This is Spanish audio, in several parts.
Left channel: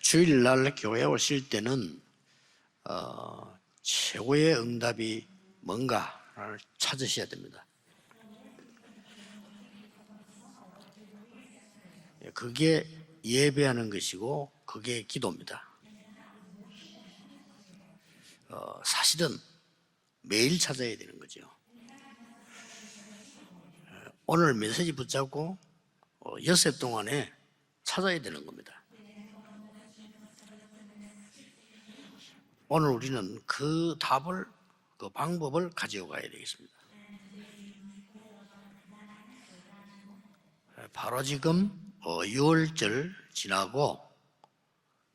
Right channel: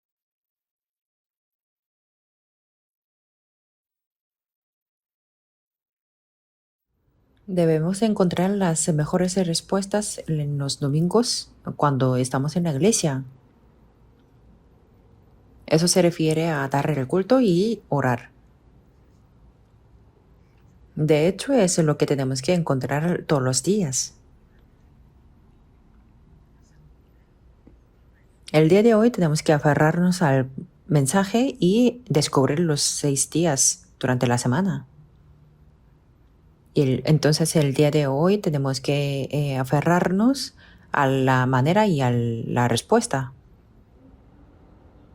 주일날 교회 오실 때는 최고의 응답이 뭔가를 찾으셔야 됩니다. Debemos encontrar las mejores respuestas en los domingos cuando estamos en la 그게 iglesia. 예배하는 것이고 그게 기도입니다. Eso se refiere a dar el culto y orar. 사실은 매일 찾아야 돼요. De hecho, es lo que tenemos que encontrar todos los días. 오늘 메시지 붙잡고 엿새 동안에 찾아야 되는 겁니다. El día de hoy tenemos que aferrarnos al mensaje y descubrir los 오늘 6 우리는 días 그 durante la 답을, semana. 그 방법을 가지고 가야 되겠습니다. Y entonces el día de hoy tenemos que aferrarnos a 바로 la 지금 manera y a la 6월절을 respuesta. 지나고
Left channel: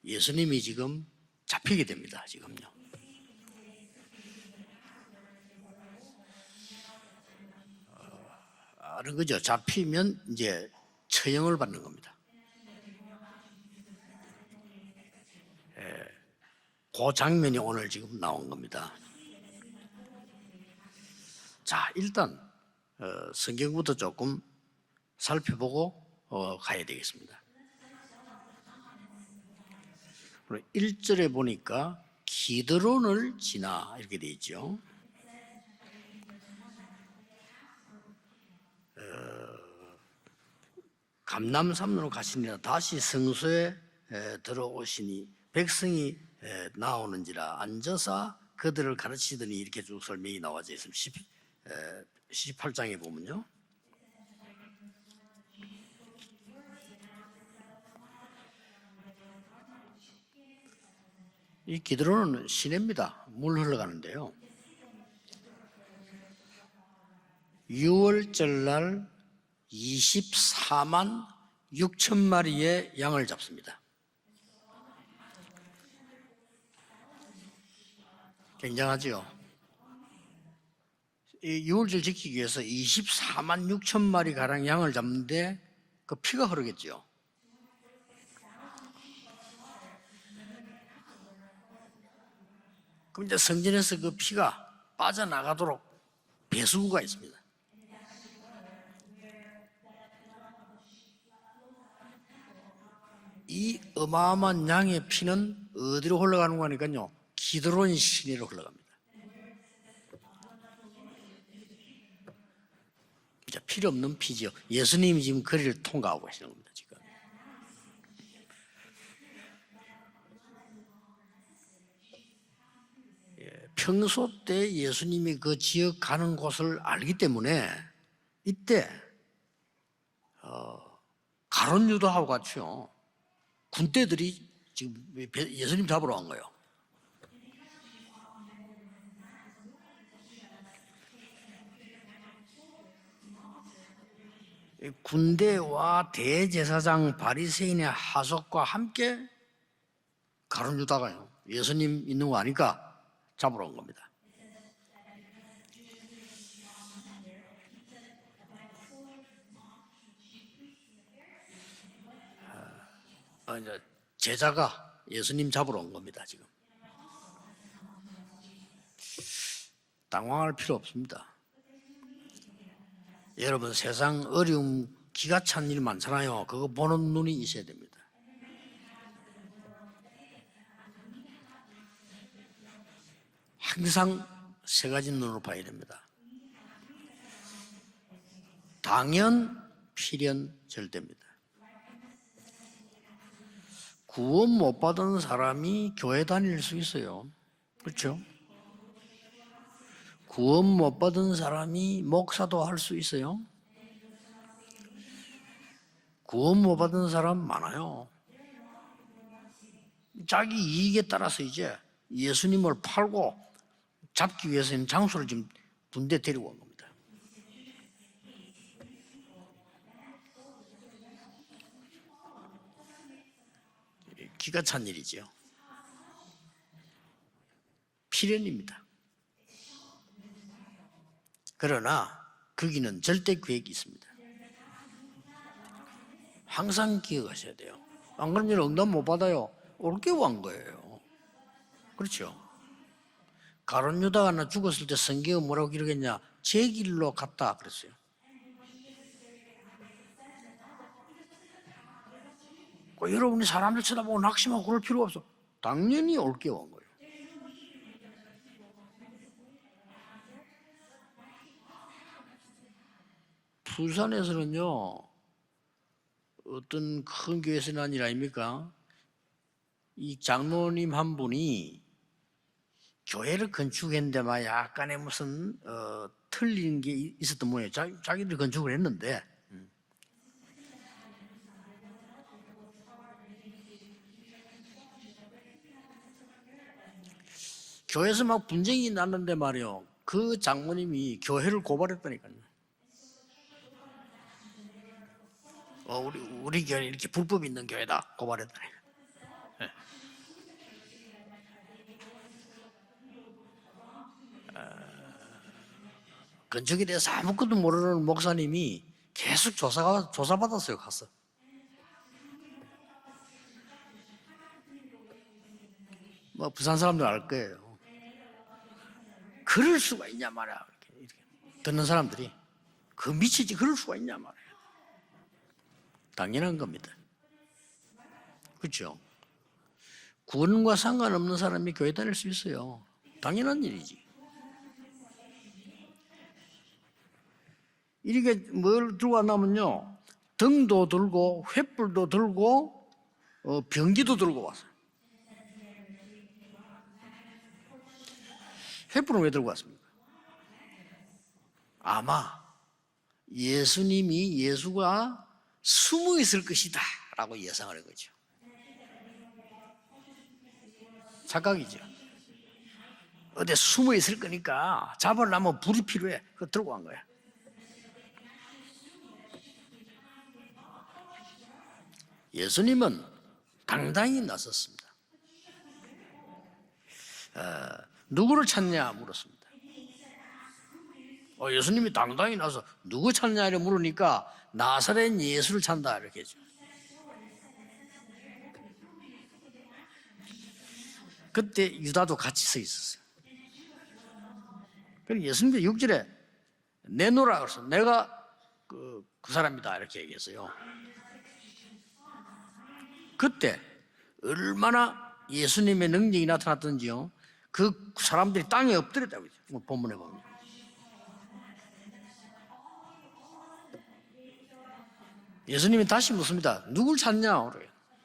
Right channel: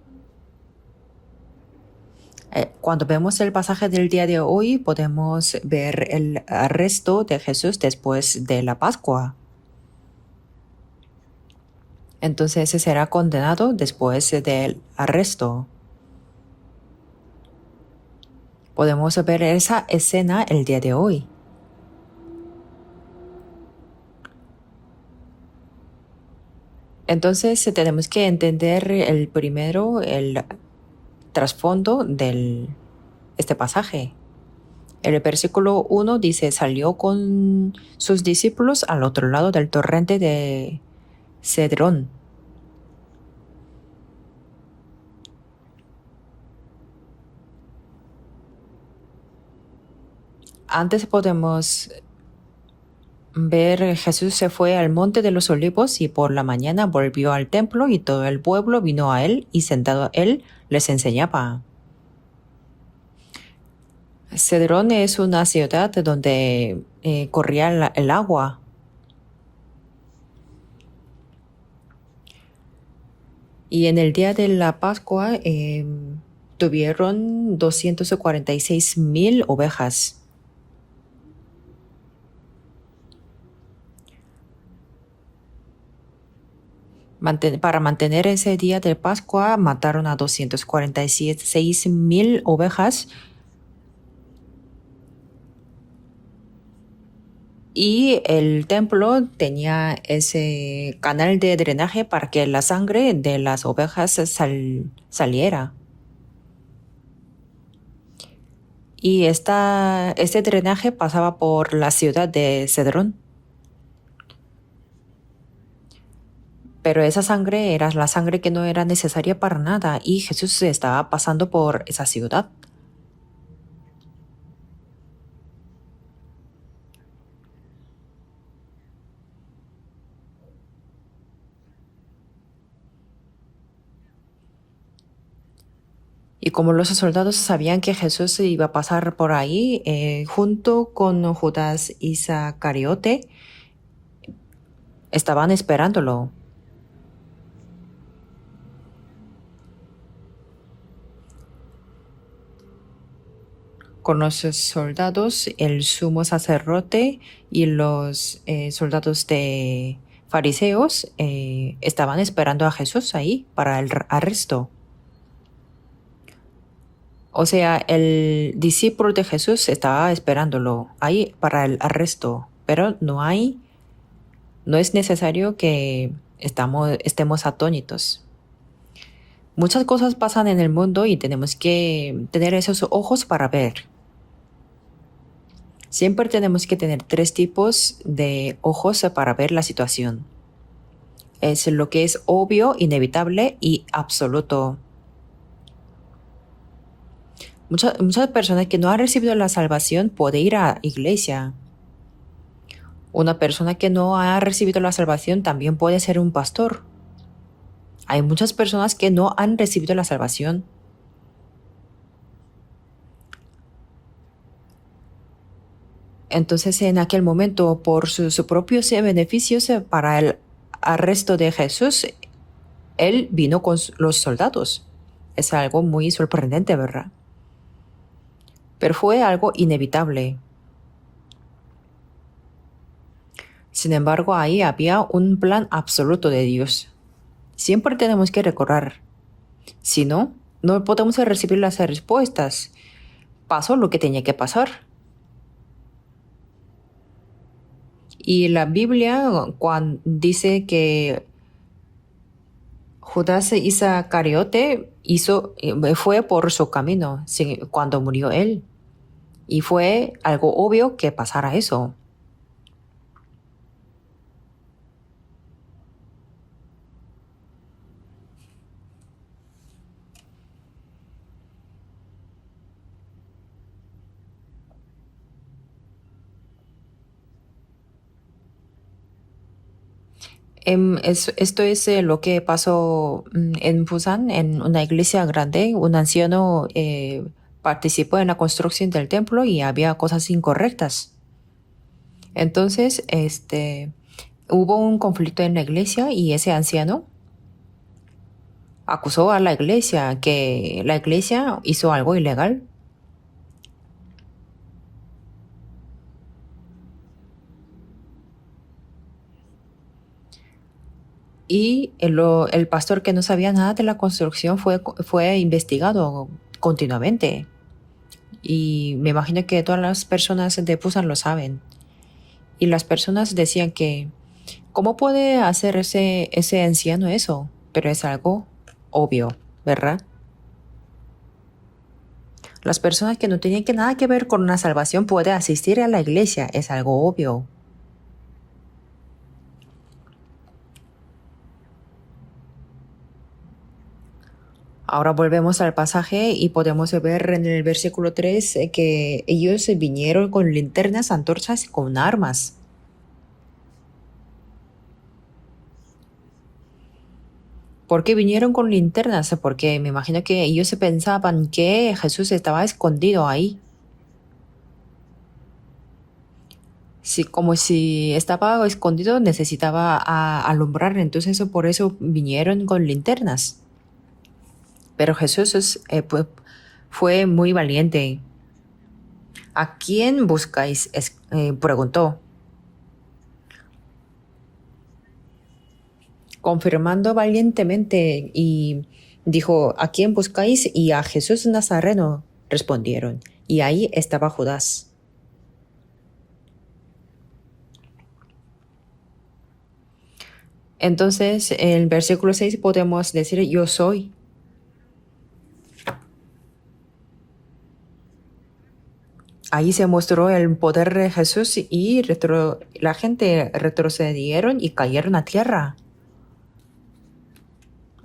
예수님이 지금 잡히게 됩니다. 지금. Cuando vemos el pasaje del día de hoy, podemos ver el arresto de Jesús después de la Pascua. 그죠? 잡히면 이제 처형을 받는 겁니다. Entonces será condenado después del arresto. 그 장면이 오늘 지금 나온 겁니다. Podemos ver esa escena el día de hoy. 자, 일단 성경부터 조금 살펴보고 가야 되겠습니다. Entonces tenemos que entender el primero, el 1절에 trasfondo 보니까 del 기드론을 este pasaje. 지나게 돼 있죠. El versículo 1 dice, salió con sus discípulos al otro lado del torrente de 감남산으로 Cedrón. 가시니라 다시 성소에 들어오시니 백성이 나오는지라 앉아서 그들을 가르치더니 이렇게 쭉 설명이 나와죠. Antes podemos 18장에 보면요. ver Jesús se fue al monte de los olivos y por la mañana volvió al templo y todo el pueblo vino a él y sentado él les enseñaba. 이 기드론은 시내입니다. 물 흘러가는데요. Cedrón es una ciudad donde corría el agua. 6월절날 24만 6천 마리의 양을 잡습니다. Y en el día de la Pascua tuvieron 246,000 ovejas. 이 6월절 지키기 위해서 24만 6천 마리 가량 양을 잡는데 그 피가 흐르겠죠. Para mantener ese día de Pascua mataron a 246,000 ovejas. 그런데 성전에서 그 피가 빠져나가도록 배수구가 있습니다. Y el templo tenía ese canal de drenaje para que la sangre de las ovejas 어마어마한 양의 피는 saliera. 어디로 흘러가는 거니까요. 기드론 시내로 흘러갑니다. Y este drenaje pasaba por la ciudad de Cedrón. 필요 없는 피죠. 예수님이 지금 거리를 통과하고 계시는 겁니다. Pero esa sangre era la sangre que no era necesaria para nada y Jesús estaba pasando por esa ciudad. 평소 때 예수님이 그 지역 가는 곳을 알기 때문에 이때 가룟 유다하고 같이요. 군대들이 지금 예수님 잡으러 간 거예요. Y como los soldados sabían que Jesús iba a pasar por ahí, junto con Judas Iscariote, estaban esperándolo. 대제사장 바리새인의 하석과 함께 가룟 유다가요. 예수님 있는 거 아니까 잡으러 온 겁니다. Con los soldados, el sumo sacerdote y los soldados de fariseos estaban esperando a Jesús ahí para el arresto. 제자가 예수님 잡으러 온 겁니다. 지금. O sea, el discípulo de Jesús estaba esperándolo ahí para el arresto. Pero no 여러분 세상 어려움 es necesario 기가 찬 일이 que 많잖아요. 그거 보는 estemos 눈이 atónitos. Muchas cosas pasan en el mundo y tenemos que tener esos ojos para ver. 항상 세 가지 눈으로 봐야 됩니다. Siempre tenemos que tener 3 tipos de ojos para ver la situación. 필연 절대입니다. Es lo que es obvio, inevitable y 구원 absoluto. 못 받은 사람이 교회 다닐 수 있어요. Muchas personas que no han recibido la salvación pueden ir a 구원 못 받은 iglesia. 사람이 목사도 할 수 있어요. Una persona que no ha recibido la salvación también puede ser un 구원 못 pastor. 받은 사람 많아요. Hay muchas personas que no han recibido la salvación. 자기 이익에 따라서 이제 예수님을 팔고 잡기 위해서는 장소를 지금 분대되고 Entonces, en aquel momento, por sus propios beneficios para el arresto de Jesús, él vino con los 기가 soldados. 찬 일이죠. Es algo muy sorprendente, ¿verdad? 필연입니다. Pero fue algo inevitable. 그러나 거기는 절대 계획이 있어요. Sin embargo, ahí había un plan absoluto de Dios. 항상 기억하셔야 돼요. Siempre tenemos que recordar. 못 받아요. Si 어떻게 no, 한 거예요? no podemos recibir las respuestas. Pasó lo que tenía que pasar. 죽었을 때 성경은 뭐라고 기록했냐? 제 길로 갔다 그랬어요. Y la Biblia dice que Judas Iscariote fue por su camino cuando murió él. Y fue algo obvio que pasara eso. 부산에서는요 어떤 큰 교회에서는 아니라 아닙니까? 이 장로님 한 분이 교회를 건축했는데 막 약간의 무슨 틀린 게 있었던 모양이에요. 자기들이 건축을 했는데 Esto es lo que pasó en Busan, en una iglesia grande. Un anciano participó 교회에서 en la 막 construcción 분쟁이 del 났는데 templo y 말이에요. había cosas 그 incorrectas. 장로님이 교회를 고발했다니까요. Entonces, hubo un conflicto en la iglesia y ese 우리 교회 anciano 이렇게 불법 있는 교회다 고발했다니. acusó a la iglesia que la iglesia hizo algo ilegal. 건축에 대해서 아무것도 모르는 목사님이 계속 조사받았어요. 가서. Y el pastor que no sabía nada de la construcción fue investigado 뭐 부산 사람들 알 continuamente. 거예요. Y me imagino que todas las personas de Busan lo saben. 듣는 사람들이 Y las 그 personas 미친 decían 이럴 수가 que, 있냐 말이에요. ¿cómo puede hacer ese 당연한 anciano eso? Pero es algo 그렇죠. obvio, ¿verdad? 구원과 상관없는 사람이 교회 다닐 수 있어요. Las personas que no tienen 당연한 nada que ver con una salvación pueden asistir a la iglesia, es algo obvio. 이렇게 뭘 들고 왔냐면요, 등도 들고 횃불도 들고 병기도 들고 왔어요. Ahora volvemos al pasaje y podemos ver en el versículo 3 que ellos vinieron con linternas, antorchas y con armas. 예수가 숨어 있을 것이다 라고 예상을 했고. ¿Por qué vinieron con linternas? Porque me imagino que ellos pensaban que Jesús estaba escondido ahí. 근데 숨어 있을 거니까 잡으려면 불이 필요해. 그거 들고 간 거야. Sí, como si estaba escondido, necesitaba alumbrar, entonces por eso vinieron con linternas. 당당히 나섰습니다. Pero Jesús fue muy valiente. 누구를 찾냐 물었습니다. ¿A quién buscáis? 예수님이 Preguntó, 당당히 나서 누구 찾냐를 물으니까 나사렛 예수를 찾다 이렇게 했죠. confirmando valientemente y dijo, ¿a quién buscáis? Y a Jesús 그때 Nazareno 유다도 같이 서 respondieron. Y ahí estaba Judas. 그래서 예수님이 6절에 내놓으라 그래서 내가 그 사람이다 이렇게 얘기했어요. Entonces, en el versículo 6 podemos decir, 그때 yo soy. 얼마나 예수님의 능력이 나타났던지요. 그 사람들이 땅에 엎드렸다고 그랬죠. Ahí se mostró el poder de Jesús y la gente retrocedieron y cayeron a tierra. 예수님이 다시 묻습니다. 누굴 찾냐?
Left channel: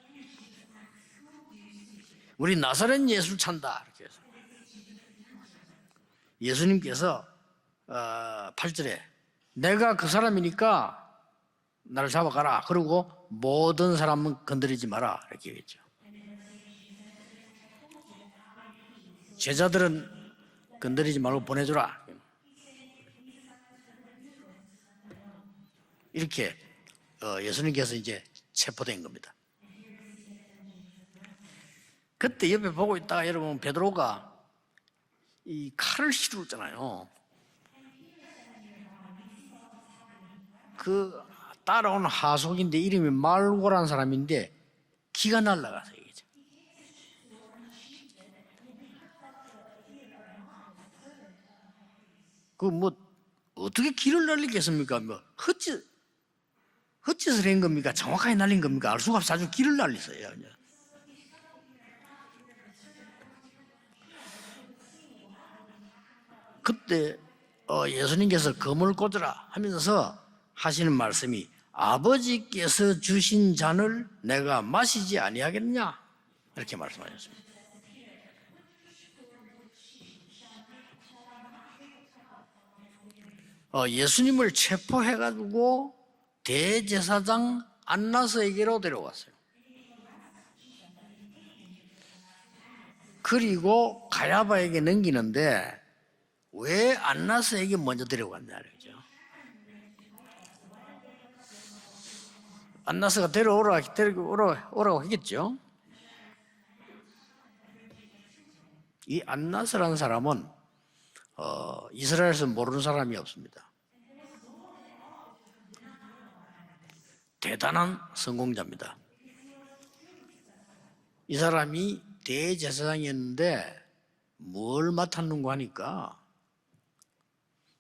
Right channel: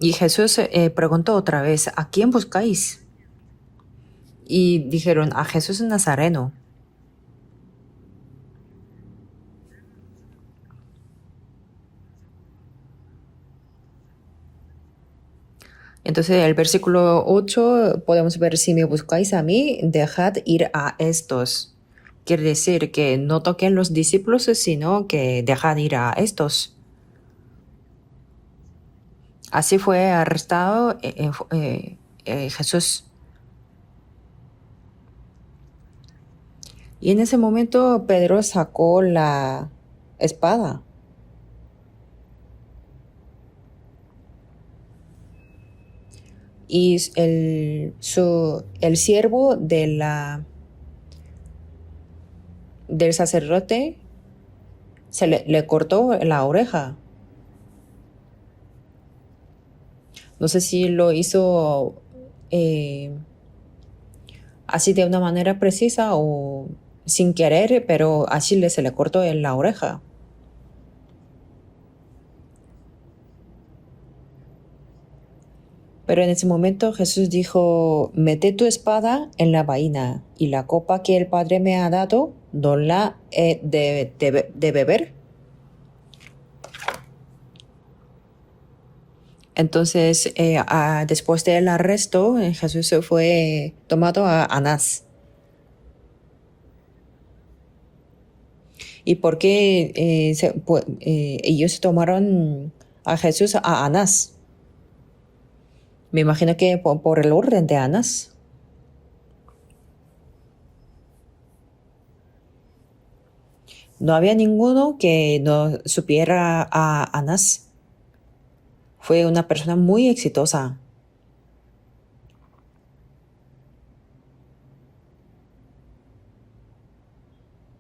Y Jesús preguntó otra vez, ¿a quién 우리 buscáis? 나사렛 예수를 찾다. 이렇게 해서. Y dijeron, a Jesús Nazareno. 예수님께서 8절에 내가 그 사람이니까 나를 잡아가라. 그리고 모든 사람은 건드리지 마라. 이렇게 얘기했죠. Entonces, el versículo 8 podemos ver, si me buscáis a mí, dejad ir a 건드리지 말고 estos. 보내주라. Quiere decir que no toquen los discípulos, sino que dejad ir a estos. 예수님께서 이제 체포된 겁니다. Así fue arrestado 그때 옆에 보고 Jesús. 있다가 여러분 베드로가 이 칼을 휘두르잖아요. Y en ese momento Pedro sacó la espada. 그 따라온 하속인데 이름이 말고라는 사람인데 기가 날라가서 얘기죠. Y el siervo 그뭐 del 어떻게 sacerdote 기를 날리겠습니까? 뭐 le cortó la oreja. 헛짓을 한 겁니까? 정확하게 날린 겁니까? 알 수가 없어. 아주 기를 날렸어요. No sé si lo hizo así de una manera precisa o 그때 sin querer, pero así se le 검을 cortó 꽂아라 en la oreja. 하면서 하시는 말씀이 아버지께서 주신 잔을 내가 마시지 아니하겠냐? Pero en ese momento Jesús dijo, mete tu espada en la vaina y la copa que el Padre me ha dado, no la he 예수님을 de beber. 체포해가지고 대제사장 안나스에게로 데려왔어요. Entonces, después del arresto, Jesús fue 그리고 tomado a 가야바에게 Anás. 넘기는데 왜 안나스에게 먼저 데려갔냐? ¿Y por qué ellos tomaron a 안나스가 Jesús a 데려오라 Anás? 오라고 했겠죠. Me imagino que por el orden de Anás. 이 안나스라는 사람은 이스라엘에서 모르는 사람이 없습니다. No había ninguno que no supiera a Anás. 대단한 성공자입니다. Fue una persona muy exitosa. 이 사람이 대제사장이었는데 뭘 맡았는가 하니까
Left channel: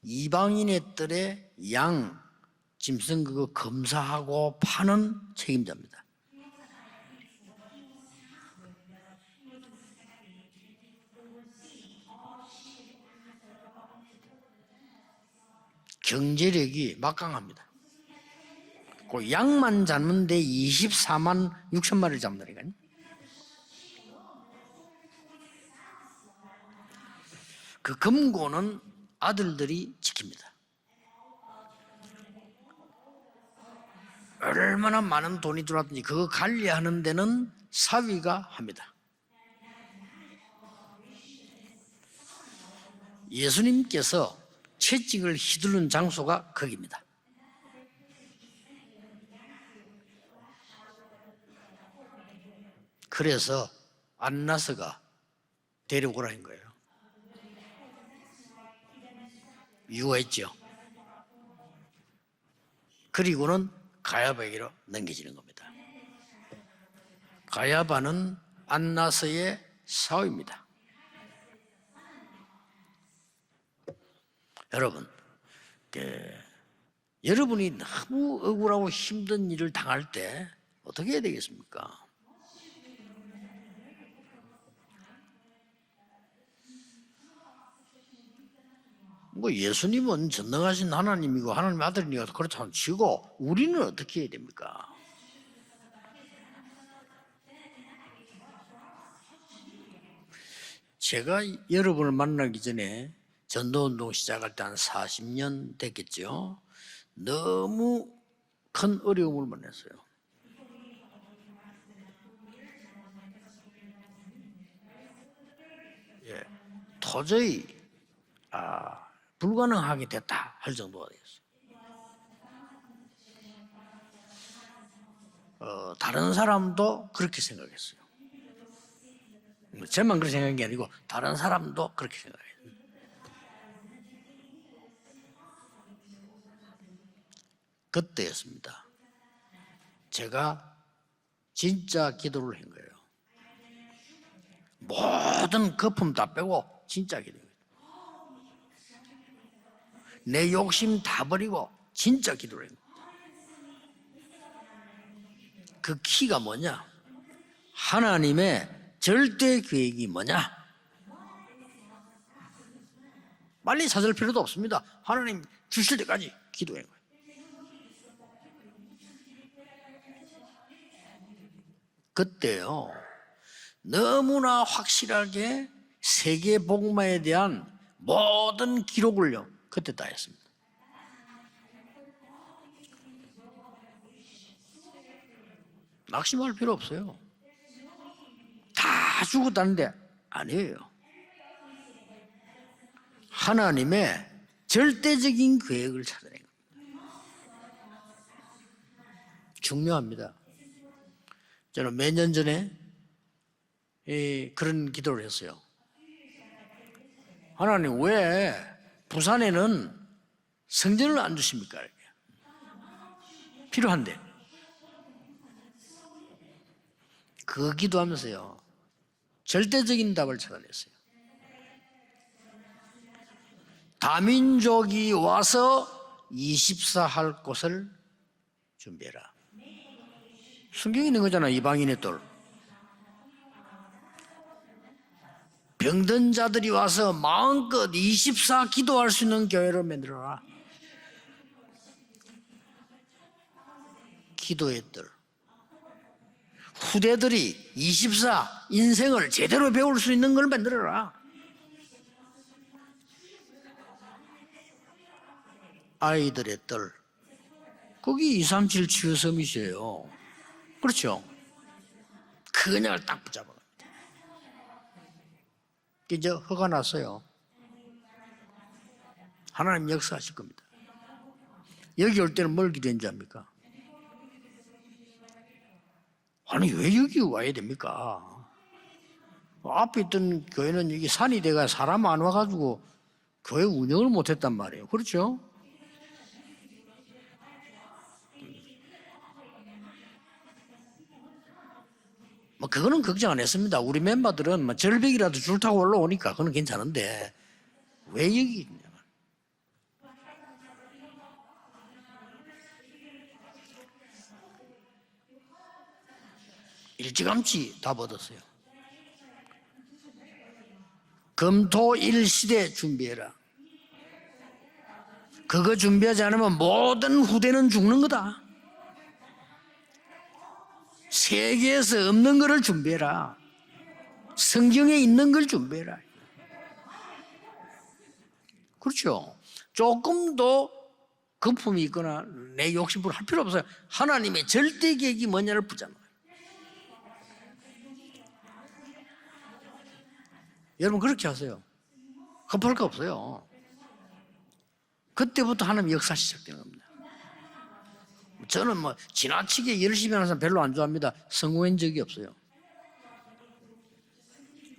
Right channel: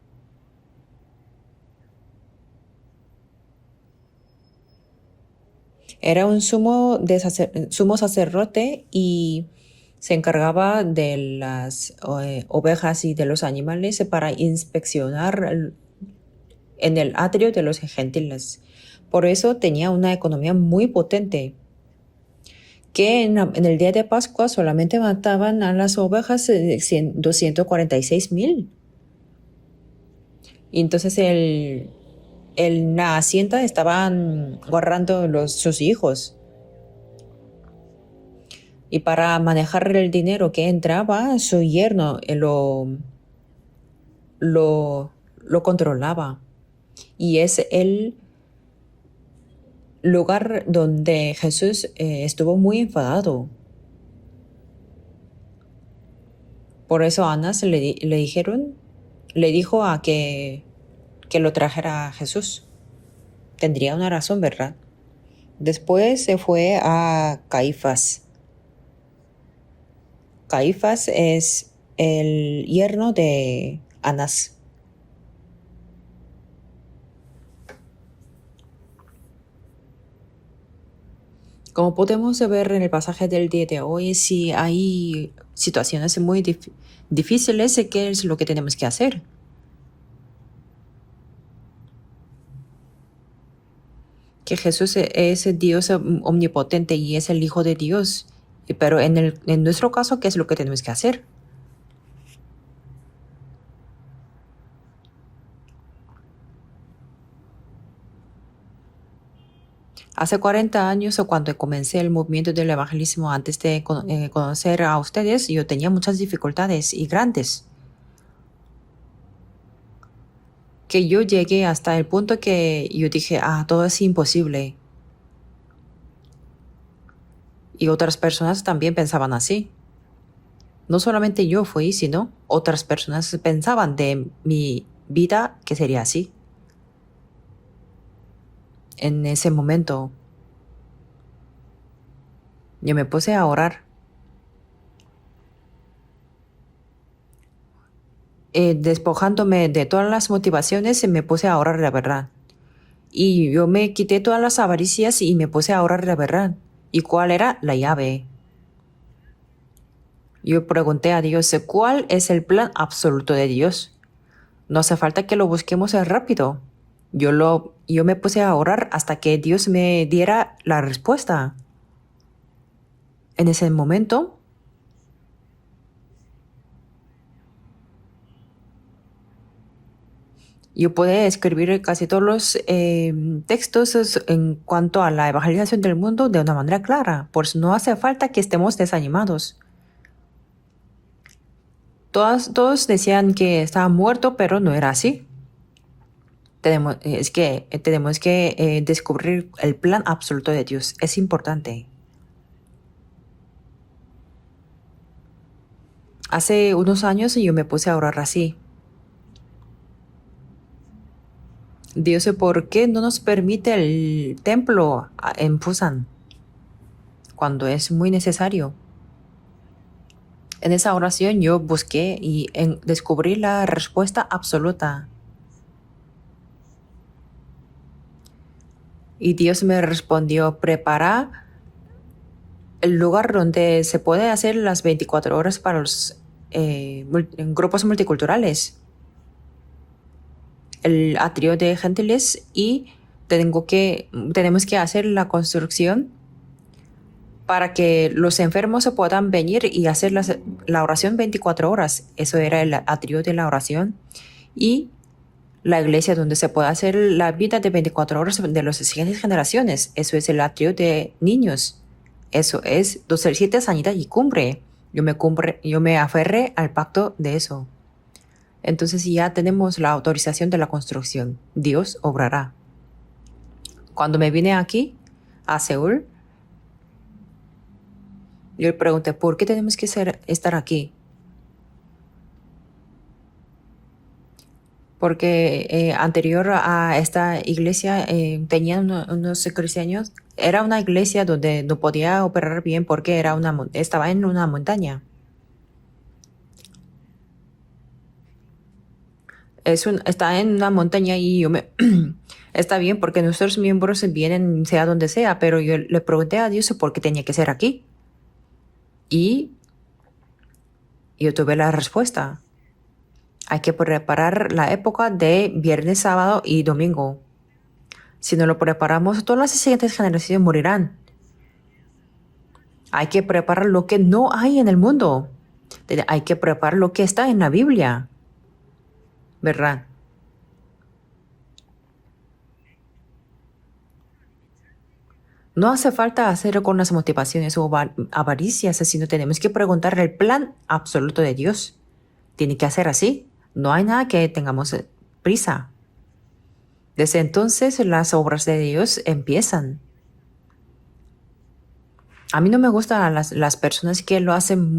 이방인의 뜰에 양 짐승 그거 검사하고 파는 책임자입니다. Era un sumo sacerdote y se encargaba de las ovejas y de los animales para inspeccionar 경제력이 en el 막강합니다. atrio de los gentiles. Por eso 양만 tenía una 잡는데 economía muy potente, 24만 6천 마리를 잡는다니까요. que en el día de Pascua solamente mataban a las ovejas 그 246,000. 금고는 아들들이 지킵니다. Y entonces en la hacienda estaban 얼마나 guardando 많은 돈이 sus 들어왔는지 그거 hijos. 관리하는 데는 사위가 합니다. Y para manejar el dinero que entraba, su yerno 예수님께서 lo, 채찍을 lo 휘두른 controlaba. 장소가 거기입니다. Y es el lugar donde Jesús estuvo muy enfadado. 그래서 안나스가 데려오라는 거예요. Por eso Anás le dijo a que lo trajera a Jesús. 그리고는 Tendría una razón, 가야바에게 ¿verdad? 넘겨지는 겁니다. Después se fue a Caifás. 가야바는 안나스의 사위입니다. Caifás es el yerno de Anás. 여러분, 여러분이 너무 억울하고 힘든 일을 당할 때 어떻게 해야 되겠습니까? Como podemos ver en el pasaje del día de hoy, si hay situaciones muy difíciles, ¿qué es lo que tenemos que hacer? 뭐 예수님은 전능하신 하나님이고 하나님 아들이니까 그렇다면 치고 우리는 어떻게 해야 됩니까? Que Jesús es Dios omnipotente y es el Hijo de Dios. Pero en nuestro caso, ¿qué es lo que tenemos que hacer? 제가 여러분을 만나기 전에 전도운동 시작할 때 한 40년 됐겠죠. 너무 큰 어려움을 만났어요. Hace 40 años, o cuando comencé el movimiento del evangelismo, antes de conocer a ustedes, yo tenía muchas dificultades y grandes. 불가능하게 됐다 할 정도. Que yo llegué hasta el punto que yo dije, todo es imposible. 다른 사람도 그렇게 생각했어요. Y otras personas también pensaban así. 저만 그렇게 생각한 게 아니고 No solamente 다른 yo 사람도 fui, 그렇게 sino 생각해요. otras personas pensaban de mi vida que sería así. 그때였습니다. En ese momento, 제가 진짜 기도를 한 거예요. yo me puse a orar, 모든 거품 다 빼고 진짜 기도. despojándome de todas las motivaciones, y me puse a orar la verdad. 진짜 기도를 한 거예요. Y yo me quité todas las avaricias y me puse a orar la verdad. ¿Y cuál era la llave? 하나님의 절대 계획이 뭐냐? Yo pregunté a Dios, ¿cuál es el plan absoluto de Dios? 빨리 찾을 필요도 없습니다. No hace falta que lo busquemos 주실 때까지 rápido. 기도해요. Yo me puse a orar hasta que Dios me diera la respuesta. 그때요. En ese momento, 너무나 확실하게 세계 복음화에 대한 모든 기록을요. 그때 다 했습니다. yo pude escribir casi todos los textos en cuanto a la evangelización del mundo de una manera clara. Por eso no hace falta que estemos 다 desanimados. 죽었다는데 아니에요. Todos decían que estaba 하나님의 muerto, pero no era así. 절대적인 계획을 찾아내는 거예요. Tenemos que descubrir el plan absoluto de Dios. Es importante. 저는 몇 년 전에 그런 기도를 했어요. Hace unos años yo me puse a 하나님 orar así. 왜 부산에는 성전을 안 주십니까? Dios, ¿por qué no nos permite el templo en Busan cuando es muy necesario? 절대적인 답을 찾아. En esa oración yo busqué y descubrí la respuesta absoluta. 다민족이 와서 24 할 곳을 준비해라. Y Dios me respondió, 숨기는 prepara 거잖아, 이방인의 돌. el lugar donde se puede hacer las 24 horas para los 병든 자들이 와서 grupos 마음껏 multiculturales. 24 기도할 수 있는 교회를 만들어라. El atrio de gentiles y tenemos que hacer la construcción 후대들이 para que los 24 enfermos se puedan 인생을 venir 제대로 y 배울 수 hacer 있는 걸 la 만들어라. oración 24 horas. Eso era el atrio de la oración. Y la iglesia donde se puede hacer la vida de 24 horas de las siguientes generaciones. Eso es el atrio de niños. Eso es 7 sanidad y cumbre. Yo me aferré al pacto de eso. Entonces ya tenemos la autorización de la construcción. Dios 여기 올 obrará. 때는 뭘 기대했는지 압니까? Cuando me vine aquí, a Seúl, 아니 왜 여기 와야 됩니까? yo le pregunté, ¿por qué tenemos que 앞에 있던 estar 교회는 aquí? 여기 산이 돼가 사람 안 와가지고 교회 운영을 못했단 말이에요. 그렇죠? Porque anterior a esta iglesia tenían unos cristianos. Era una iglesia donde no podía operar bien 그거는 porque 그렇지 era 않았습니다. estaba 우리 en una 멤버들은 montaña. 절벽이라도 줄 타고 올라오니까 그건 괜찮은데 왜 여기? Está en una montaña y Está bien porque nuestros miembros vienen sea donde sea, pero yo le pregunté a Dios por qué tenía que ser 일찌감치 aquí 답 얻었어요. y yo tuve la 금토일 respuesta. 시대 준비해라. Hay que preparar la época de 그거 viernes, 준비하지 sábado 않으면 y domingo. 모든 후대는 죽는 거다. Si no lo preparamos, todas las siguientes generaciones morirán. 세계에서 없는 거를 Hay que 준비해라. preparar lo que no hay en el 성경에 mundo. 있는 걸 준비해라. Hay que preparar lo que está en la Biblia, 그렇죠. ¿verdad? 조금도 거품이 있거나 내 욕심으로 할 필요 없어요. 하나님의 절대 계획이 뭐냐를 No hace falta hacer con las motivaciones o avaricias, sino tenemos que preguntar el plan absoluto de Dios. Tiene que hacer así. No hay nada que tengamos prisa. 그때부터 하나님 역사 시작되는 겁니다. Desde entonces las obras de 저는 뭐 Dios empiezan. 지나치게 열심히 하는 사람 별로 안 좋아합니다. 성공한 적이 없어요. A mí no me gustan las personas que lo hacen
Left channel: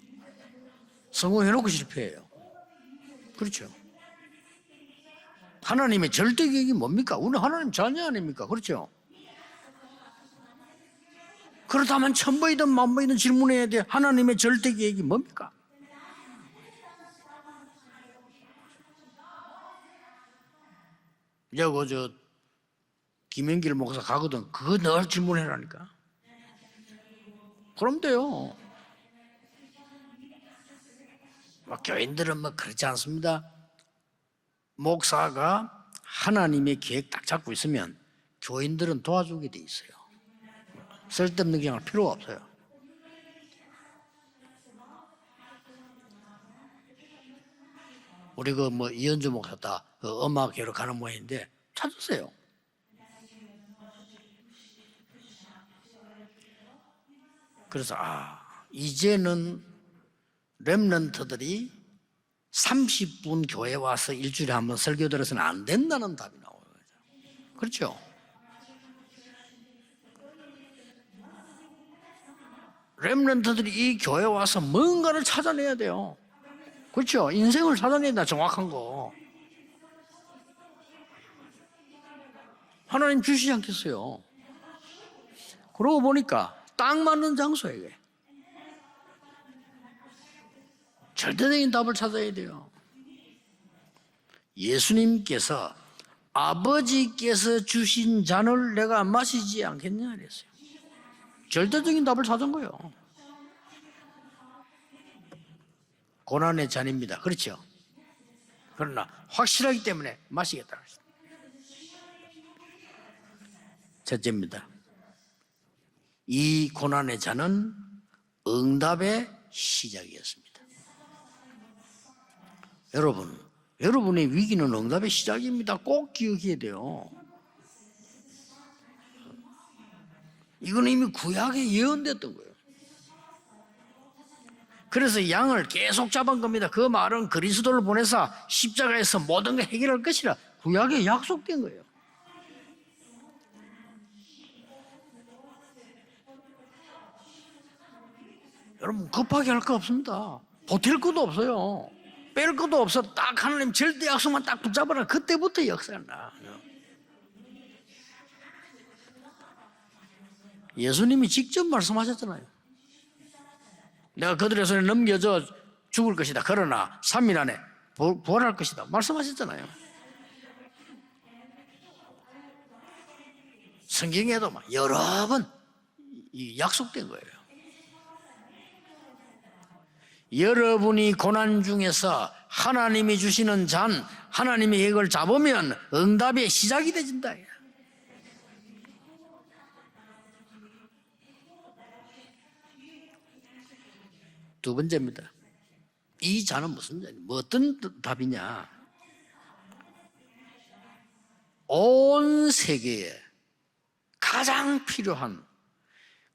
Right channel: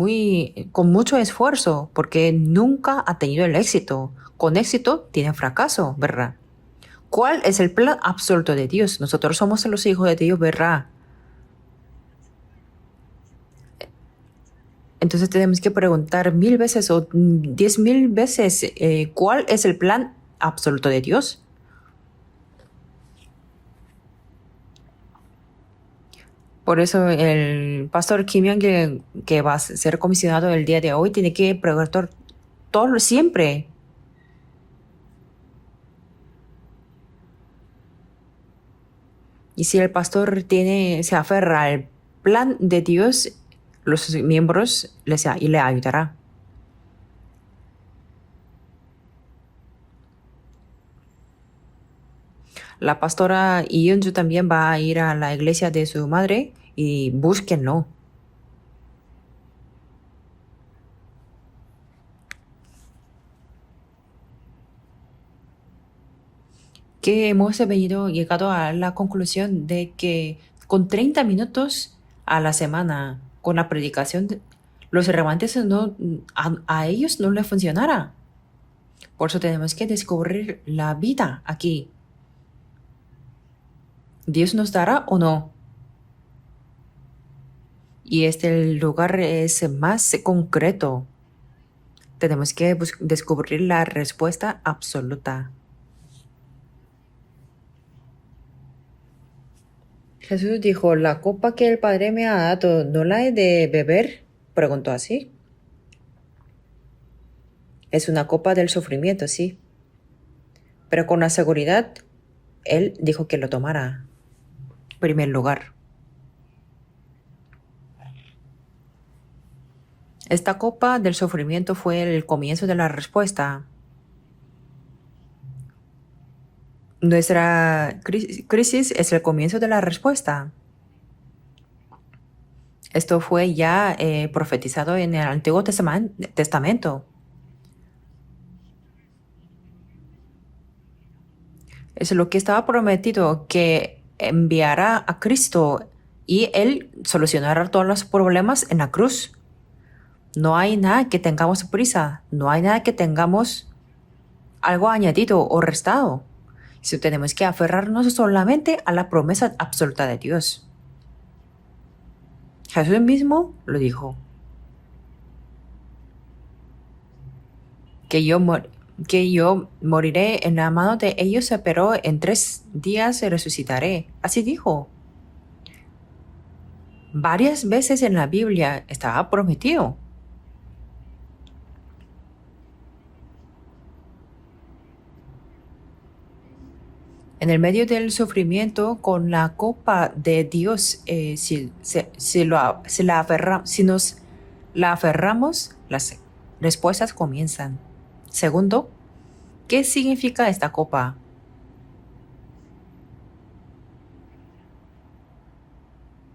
con mucho esfuerzo, porque nunca ha tenido el éxito. Con éxito tienen fracaso, 하나님의 ¿verdad? 절대 계획이 뭡니까? ¿Cuál es el plan 하나님 absoluto de 그렇죠? Dios? Nosotros somos los hijos de Dios, ¿verdad? 그렇다면 천번이든 만번이든 질문해야 돼. 하나님의 절대 계획이 Entonces tenemos que preguntar 1000 veces o 10,000 veces ¿cuál es el plan absoluto de Dios? 저 김영길 목사 가거든. 그거 늘 질문해라니까. Por eso el 그럼 pastor 돼요. Kim Young que va a ser comisionado el día de hoy tiene que preguntar 교인들은 뭐 그렇지 todo 않습니다. siempre. 목사가 하나님의 계획 딱 잡고 있으면 교인들은 도와주게 돼. Y si el pastor se aferra al 필요 없어. plan de Dios, los miembros le ayudará. 우리 그 뭐 이현주 목사다 음악회로 가는 모양인데 찾으세요. La pastora Iyunju también va a ir a la iglesia de su madre y búsquenlo. 그래서 이제는 렘넌트들이 30분 교회 와서 일주일에 한 번 설교 들어서는 안 된다는 답이 나와요. Que hemos llegado a la conclusión de que con 30 minutos a la semana una 렘넌트들이 이 predicación, 교회 와서 los 뭔가를 remanentes 찾아내야 돼요. a ellos no 그렇죠. les 인생을 funcionará. 살아낸다 정확한 거. Por eso tenemos que descubrir la vida aquí. 하나님 주시지 않겠어요. ¿Dios nos dará o no? 그러고 보니까 딱 맞는 장소예요. Y este lugar es más concreto. 절대적인 답을 찾아야 돼요. Tenemos que descubrir la respuesta absoluta. 예수님께서 아버지께서 주신 잔을 내가 마시지 않겠냐? Jesús dijo, la copa que el Padre me ha dado, ¿no la he de beber? Preguntó así. 고난의 잔입니다. 그렇죠? Es una copa del sufrimiento, sí. 확실하기 때문에 마시겠다. Pero con la seguridad, Él dijo que lo tomara. 첫째입니다. Primer lugar. 이 고난의 잔은 응답의 시작이었어요. Esta copa del sufrimiento fue el comienzo de la respuesta. 여러분의 위기는 응답의 시작입니다. 꼭 기억해야 돼요. Nuestra crisis es el comienzo de la respuesta. 이건 이미 구약에 예언됐던 거예요. Esto fue ya profetizado en 그래서 el Antiguo 양을 계속 잡은 겁니다. 그 Testamento. 말은 그리스도를 보내서 십자가에서 모든 걸 해결할 것이라 구약에 약속된 거예요. Es lo que estaba prometido, que enviará a Cristo y Él solucionará todos los problemas en la cruz. 급하게 할 거 없습니다. No hay 어쩔 nada 것도 que tengamos 없어요. prisa, 뺄 no hay 것도 nada que 없어. tengamos 딱 하나님 절대 약속만 딱 algo 붙잡으면 añadido o 그때부터 restado. Si tenemos que aferrarnos solamente a la promesa absoluta de Dios. 예수님이 직접 말씀하셨잖아요. Jesús mismo lo dijo, 내가 그들의 손에 넘겨져 죽을 것이다. 그러나 3일 안에 que yo, 부활할 것이다. que yo 말씀하셨잖아요. moriré en la mano de ellos, pero en 3 días resucitaré. Así 성경에도 dijo. 여러 번 이 약속된 거예요. Varias veces en la Biblia estaba prometido. 여러분이 고난 중에서 하나님이 주시는 잔, 하나님의 계획을 잡으면 응답의 시작이 되진다. En el medio del sufrimiento, con la copa de Dios, si nos 두 la 번째는 aferramos, las 이 잔은 respuestas 어떤 comienzan. 답이냐? Segundo, ¿qué significa esta copa? 온 세계에 가장 필요한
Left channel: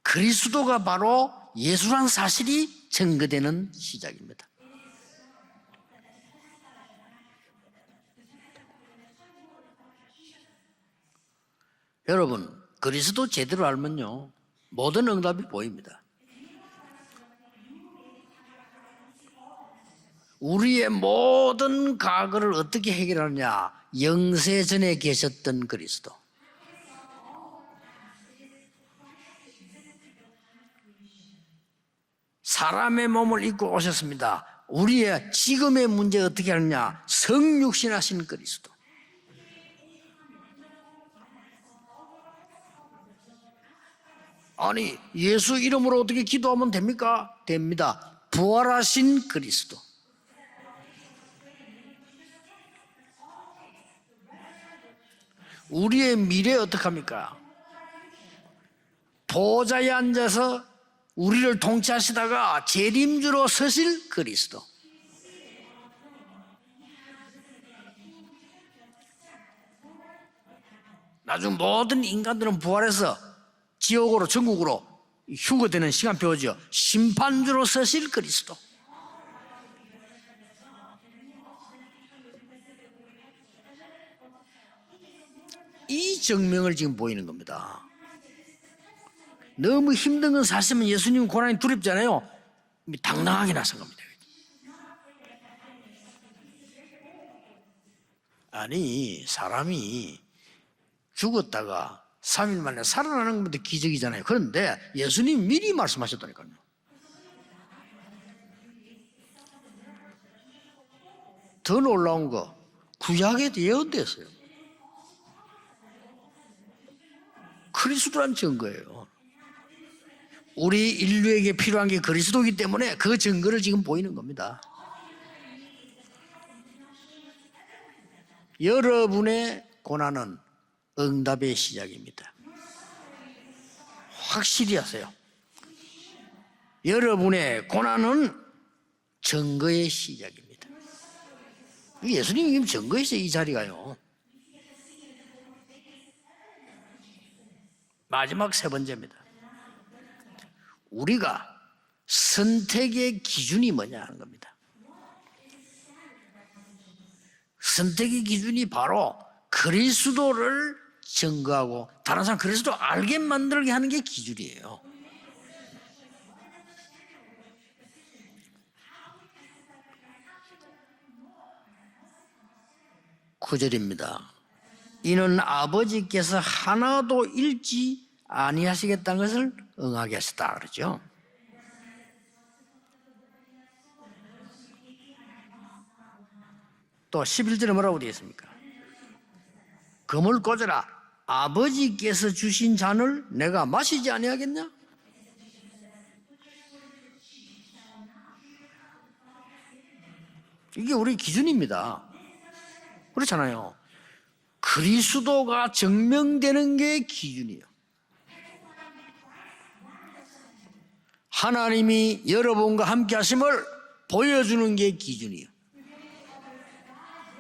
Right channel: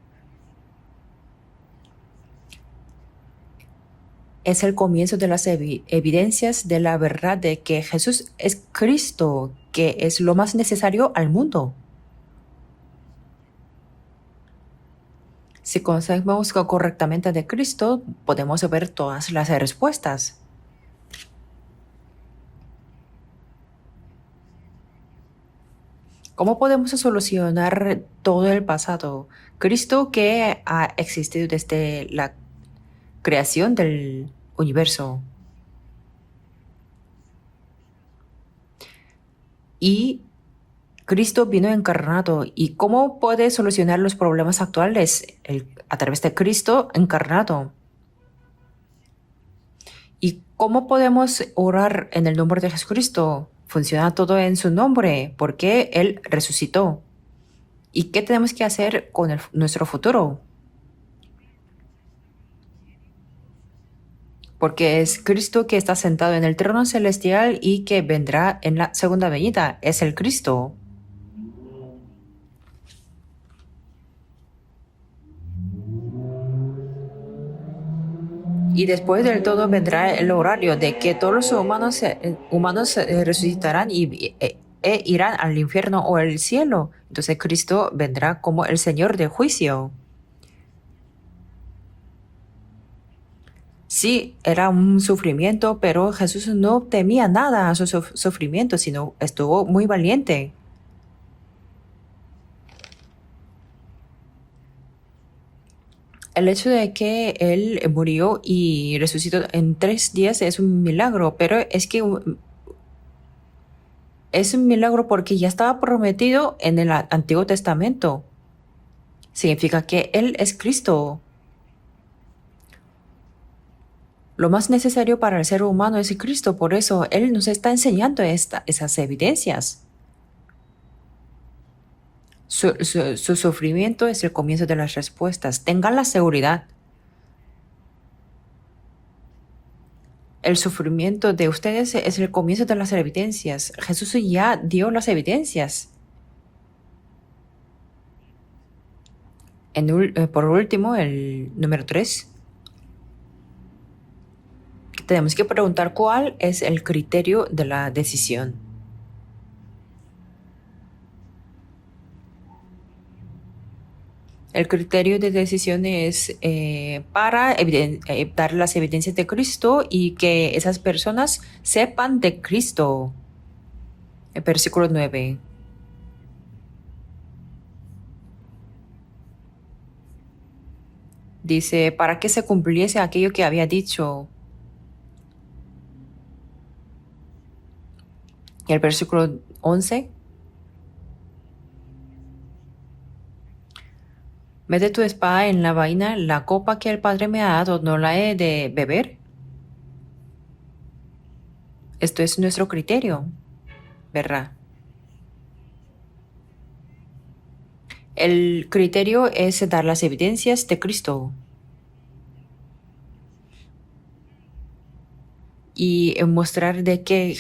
그리스도가 바로 예수란 사실이 증거되는 시작입니다. Es el comienzo de las evidencias de la verdad de que Jesús es Cristo, que es lo más necesario al mundo. 여러분, 그리스도 제대로 알면요. 모든 응답이 Si 보입니다. conocemos correctamente de Cristo, podemos ver todas las respuestas. 우리의 모든 과거를 어떻게 해결하느냐? 영세전에 계셨던 그리스도. ¿Cómo podemos solucionar todo el pasado? Cristo que ha existido desde la 사람의 몸을 creación 입고 del 오셨습니다. universo. 우리의 지금의 문제 어떻게 하느냐? 성육신하신 그리스도. y Cristo vino encarnado. ¿Y cómo puede solucionar los problemas 아니, actuales? 예수 이름으로 A 어떻게 través de 기도하면 Cristo 됩니까? encarnado. 됩니다. 부활하신 그리스도. ¿Y cómo podemos orar en el nombre de Jesucristo? Funciona todo en su nombre, porque 우리의 Él 미래 resucitó. 어떡합니까? ¿Y qué tenemos que hacer con nuestro 보좌에 futuro? 앉아서 우리를 통치하시다가 재림주로 서실 그리스도. Porque es Cristo que está sentado en el trono celestial y que vendrá en la segunda venida. Es el Cristo. 나중 모든 인간들은 부활해서 지옥으로 전국으로 휴거되는 시간표죠. 심판주로 서실 그리스도. Y después del todo vendrá el horario de que todos los humanos resucitarán e irán al infierno o al cielo. Entonces Cristo vendrá como el Señor de juicio. 너무 힘든 건 사실은 예수님 고난이 두렵잖아요. 당당하게 나선 겁니다. Sí, era un sufrimiento, pero Jesús no temía nada a su sufrimiento, sino estuvo muy valiente. 죽었다가 3일 만에 살아나는 것도 기적이잖아요. 그런데 예수님 미리 말씀하셨다니까. El hecho de que Él murió y resucitó en 3 días es un milagro, pero 더 es que 놀라운 거 구약에 예언됐어요. es un milagro porque ya estaba prometido en el Antiguo Testamento. 그리스도란 증거예요. Significa que Él es 우리 Cristo. 인류에게 필요한 게 그리스도이기 때문에 그 증거를 지금 보이는 겁니다. Lo más necesario para el ser humano es Cristo, por eso Él nos está enseñando esas 여러분의 evidencias. 고난은 응답의 시작입니다. Su sufrimiento es el comienzo de las 확실히 respuestas. Tengan la seguridad. 여러분의 고난은 증거의 시작입니다. El sufrimiento de ustedes es el comienzo de las evidencias. Jesús ya dio las evidencias. 마지막 세 번째입니다. Por último, el 우리가 número 3, 선택의 기준이 뭐냐 하는 겁니다. tenemos que preguntar cuál es el criterio de la 선택의 decisión. 기준이 바로 그리스도를 증거하고 다른 사람 그리스도 알게 만들게 하는 게 기준이에요. El criterio de decisión es para dar las evidencias de Cristo y que esas personas sepan de Cristo. 9절입니다. El versículo 9. 이는 아버지께서 하나도 잃지 아니하시겠다는 것을 응하게 하셨다 그러죠. Dice, para que se cumpliese aquello que había dicho. 또 11절에 뭐라고 되어 있습니까? Y el versículo 11. 검을 꽂아라. 아버지께서 주신 잔을 내가 마시지 아니하겠냐? Mete tu espada en la vaina, la copa que el Padre me ha dado, ¿no la he de beber? 이게 우리 기준입니다. Esto es nuestro criterio, 그렇잖아요. ¿verdad? 그리스도가 증명되는 게 기준이에요. El criterio es dar las evidencias de Cristo 하나님이 여러분과 함께 하심을 보여주는 게 기준이에요. y mostrar de que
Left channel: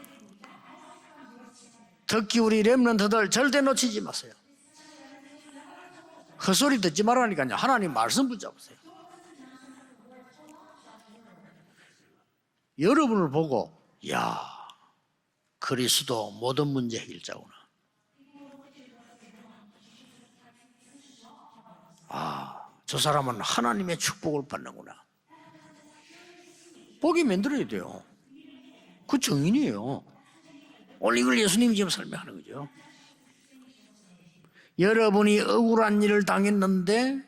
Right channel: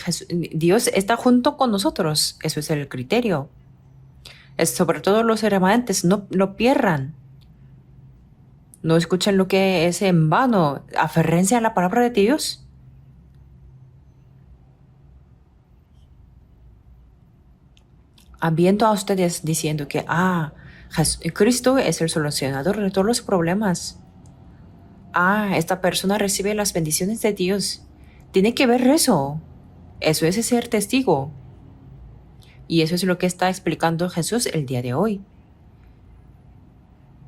Dios está junto con nosotros. 특히 Eso 우리 es el 렘넌트들 criterio. 절대 놓치지 마세요. Es sobre todo los remanentes, no 그 소리 pierdan, 듣지 말라니까요. 하나님 말씀 붙잡으세요. no escuchen lo que es en vano, aférrense a la palabra de Dios. 여러분을 보고 야 그리스도 모든 문제 해결자구나. Viendo a ustedes diciendo que, Cristo es el solucionador de 저 todos los 사람은 problemas. 하나님의 축복을 받는구나. Esta persona recibe las bendiciones 거기 de Dios. 만들어야 돼요. Tiene que ver eso. 그 정인이에요. Eso es ser testigo. 오늘 이걸 예수님이 지금 설명하는 거죠. Y eso es lo que está explicando Jesús el día de hoy. 여러분이 억울한 일을 당했는데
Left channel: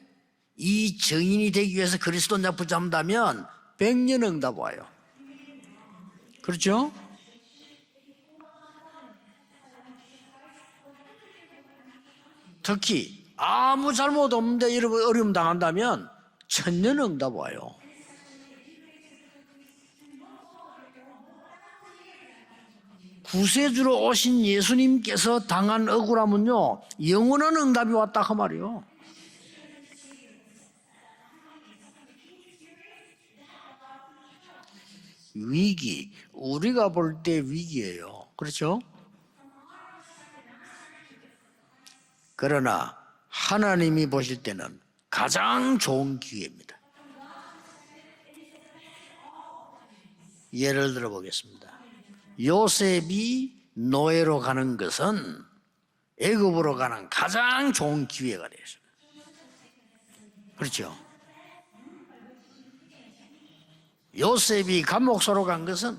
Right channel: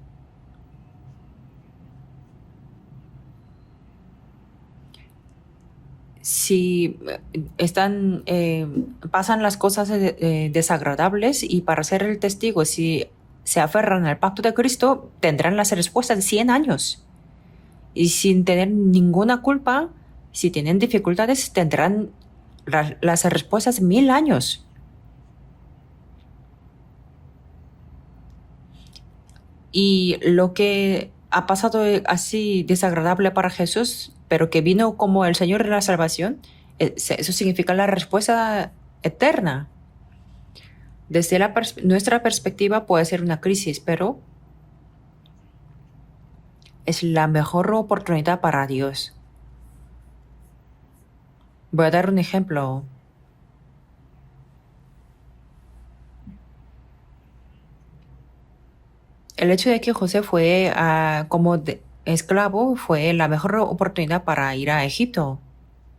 이 증인이 되기 위해서 그리스도 약 붙잡는다면 100년 응답 와요. Si pasan las cosas desagradables y para ser el testigo, si se aferran al pacto de Cristo, tendrán las respuestas de 100 años. 1000년 응답 와요. Y sin tener ninguna culpa, si tienen dificultades, tendrán las respuestas de 구세주로 1000 오신 años. 예수님께서 당한 억울함은요 영원한 응답이 왔다 그 말이요. Y lo que ha pasado así desagradable para Jesús, pero que vino como el Señor de la salvación, eso significa la respuesta eterna. Desde nuestra perspectiva puede ser una crisis, 하나님이 pero 보실 때는 가장 좋은 기회입니다. es la mejor oportunidad para Dios. 예를 들어 보겠습니다. Voy a dar un ejemplo. 요셉이 노예로 가는 것은 애굽으로 가는 가장 좋은 기회가 되었습니다. El hecho de que José fue como esclavo fue la mejor oportunidad para ir a 요셉이 Egipto. 감옥소로 간 것은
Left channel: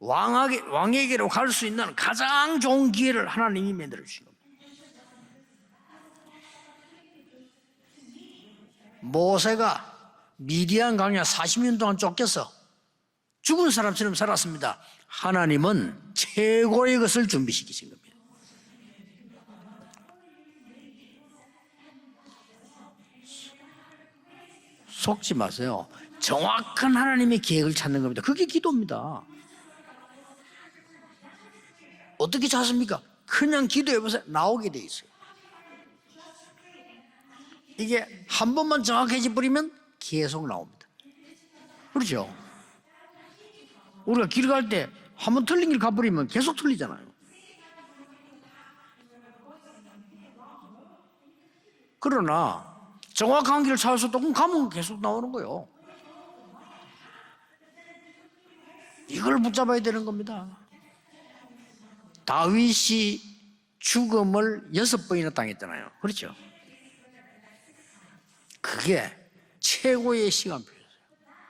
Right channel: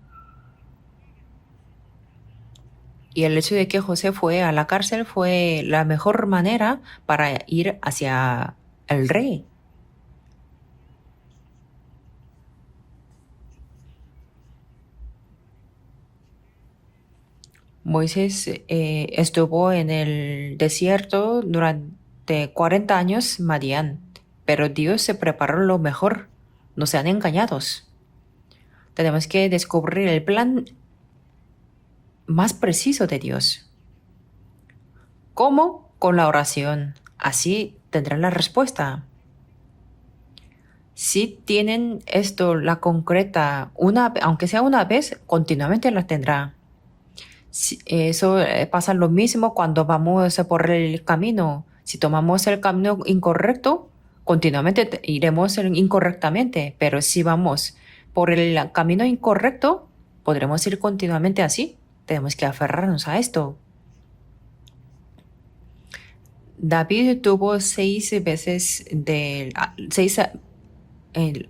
왕에게로 갈 수 있는 가장 좋은 기회를 Y el hecho de que 하나님이 José fue a la cárcel fue la mejor manera para ir hacia el rey. 모세가 미디안 광야 40년 동안 쫓겨서 죽은 사람처럼 살았습니다. 하나님은 최고의 것을 준비시키십니다. Moisés estuvo en el desierto durante 40 años, Madián, pero Dios se 속지 preparó lo 마세요. mejor. No 정확한 sean 하나님의 계획을 engañados. 찾는 겁니다. 그게 기도입니다. Tenemos que descubrir el plan 어떻게 más 찾습니까? preciso de Dios. 그냥 기도해 보세요. 나오게 돼 있어요. ¿Cómo? Con la oración. Así 이게 tendrán la 한 번만 respuesta. 정확해져 버리면 계속 나옵니다. Si tienen 그렇죠. esto, la concreta, 우리가 aunque sea 기도할 una 때 vez, 한번 틀리면 continuamente la 가버리면 tendrá. 계속 틀리잖아요. Eso pasa lo mismo cuando vamos por el camino. Si tomamos el camino incorrecto, continuamente iremos incorrectamente. Pero si vamos por el camino incorrecto, podremos ir continuamente así. Tenemos que aferrarnos a esto. 죽음을 6번이나 당했잖아요. 그렇죠? David tuvo 6 veces 그게 seis, 최고의 시간.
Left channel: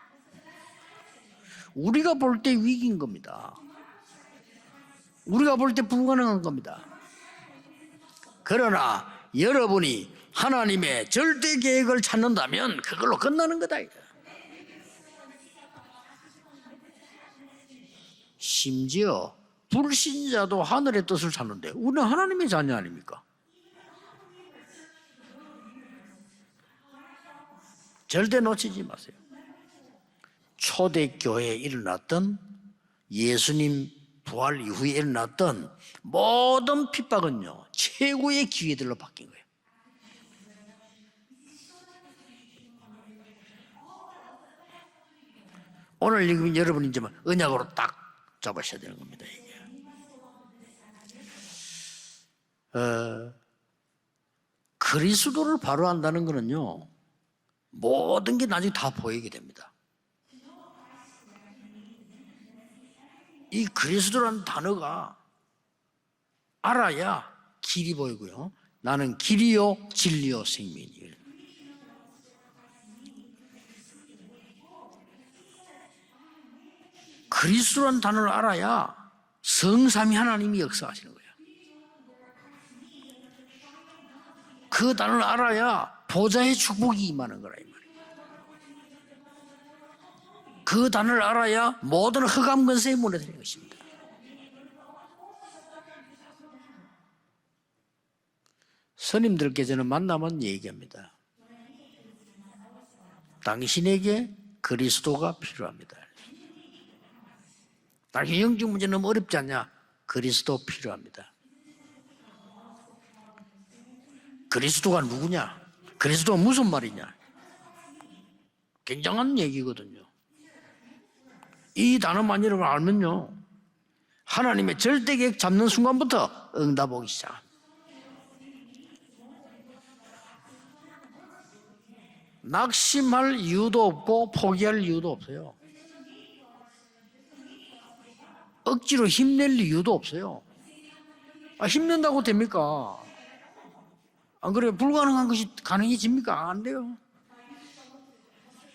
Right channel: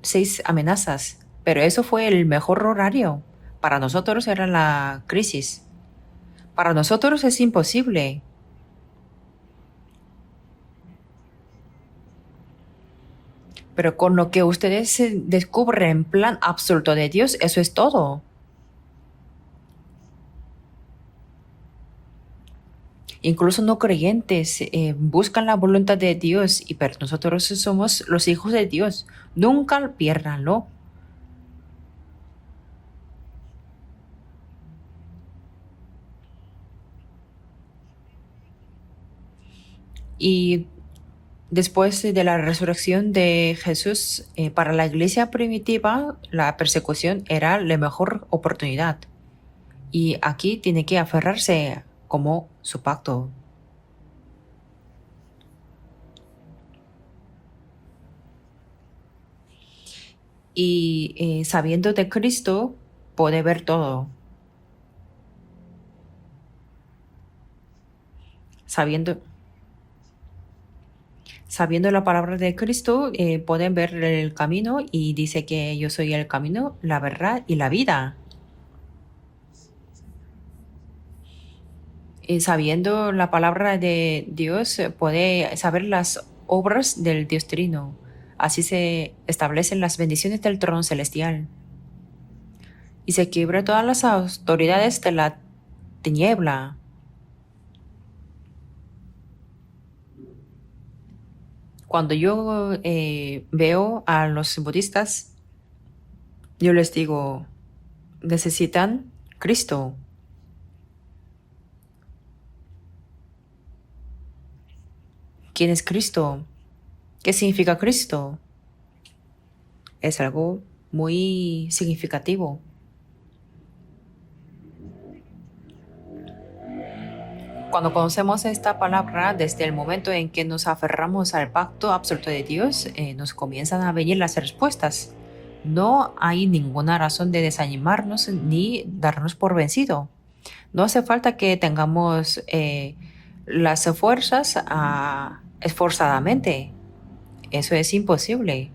6 amenazas, pero eso fue el mejor horario. Para nosotros era la crisis. 우리가 볼 때 불가능한 겁니다. Para nosotros es imposible. 그러나 여러분이 하나님의 절대 계획을 찾는다면 그걸로 끝나는 거다. Pero con lo que ustedes descubren en plan absoluto de Dios, eso es todo. 심지어 불신자도 하늘의 뜻을 찾는데 우리는 하나님의 자녀 아닙니까? Incluso no creyentes buscan la voluntad de Dios, y pero nosotros somos los hijos de Dios. Nunca pierdanlo. 초대교회에 일어났던 예수님 부활 이후에 일어났던 모든 핍박은요 최고의 기회들로 바뀐 거예요. Y después de la resurrección de Jesús, para la iglesia primitiva, 오늘 la 읽은 persecución 여러분들 era 은혜로 la 딱 mejor oportunidad. 잡으셔야 됩니다. Y aquí tiene que aferrarse como su pacto. 그리스도를 바로 안다는 거는요 모든 게 나중에 다 보이게 됩니다. Y sabiendo de Cristo, puede ver 이 todo. 그리스도라는 단어가 알아야 길이 보이고요. 사비엔도- 나는 길이요 진리요 생명이에요. Sabiendo la palabra de Cristo, pueden ver el camino, y dice que yo soy el camino, la verdad y la 그리스도라는 vida. 단어를 알아야 성삼위 하나님이 역사하시는 거예요. Y sabiendo la palabra de Dios, 그 단어를 puede 알아야 saber las 보좌의 obras 축복이 del 임하는 Dios 거예요. Trino. Así se establecen las bendiciones del trono 그 단어를 celestial. 알아야 모든 흑암 권세의 Y 문을 se quiebra todas las autoridades de la tiniebla. 스님들께서는 만나면 얘기합니다. Cuando yo veo 당신에게 a los budistas, 그리스도가 필요합니다. yo les digo, 당신 necesitan 영적 문제는 어렵지 않냐? Cristo. 그리스도 필요합니다. 그리스도가 누구냐? ¿Quién es 그리스도가 Cristo? 무슨 말이냐? ¿Qué significa Cristo? 굉장한 얘기거든요. Es algo muy 이 단어만 significativo. 여러분 알면요. 하나님의 절대 계획 잡는 순간부터 응답 오기 시작. Cuando conocemos esta palabra, desde el momento en que nos aferramos al pacto absoluto de Dios, nos 낙심할 이유도 comienzan a venir 없고 las 포기할 respuestas. 이유도 없어요. No hay ninguna razón de desanimarnos ni 억지로 darnos por 힘낼 이유도 vencido. 없어요. No hace falta que 힘낸다고 tengamos 됩니까? las fuerzas 안 그래요? 불가능한 것이 가능해집니까? 안 esforzadamente. 돼요. Eso es imposible.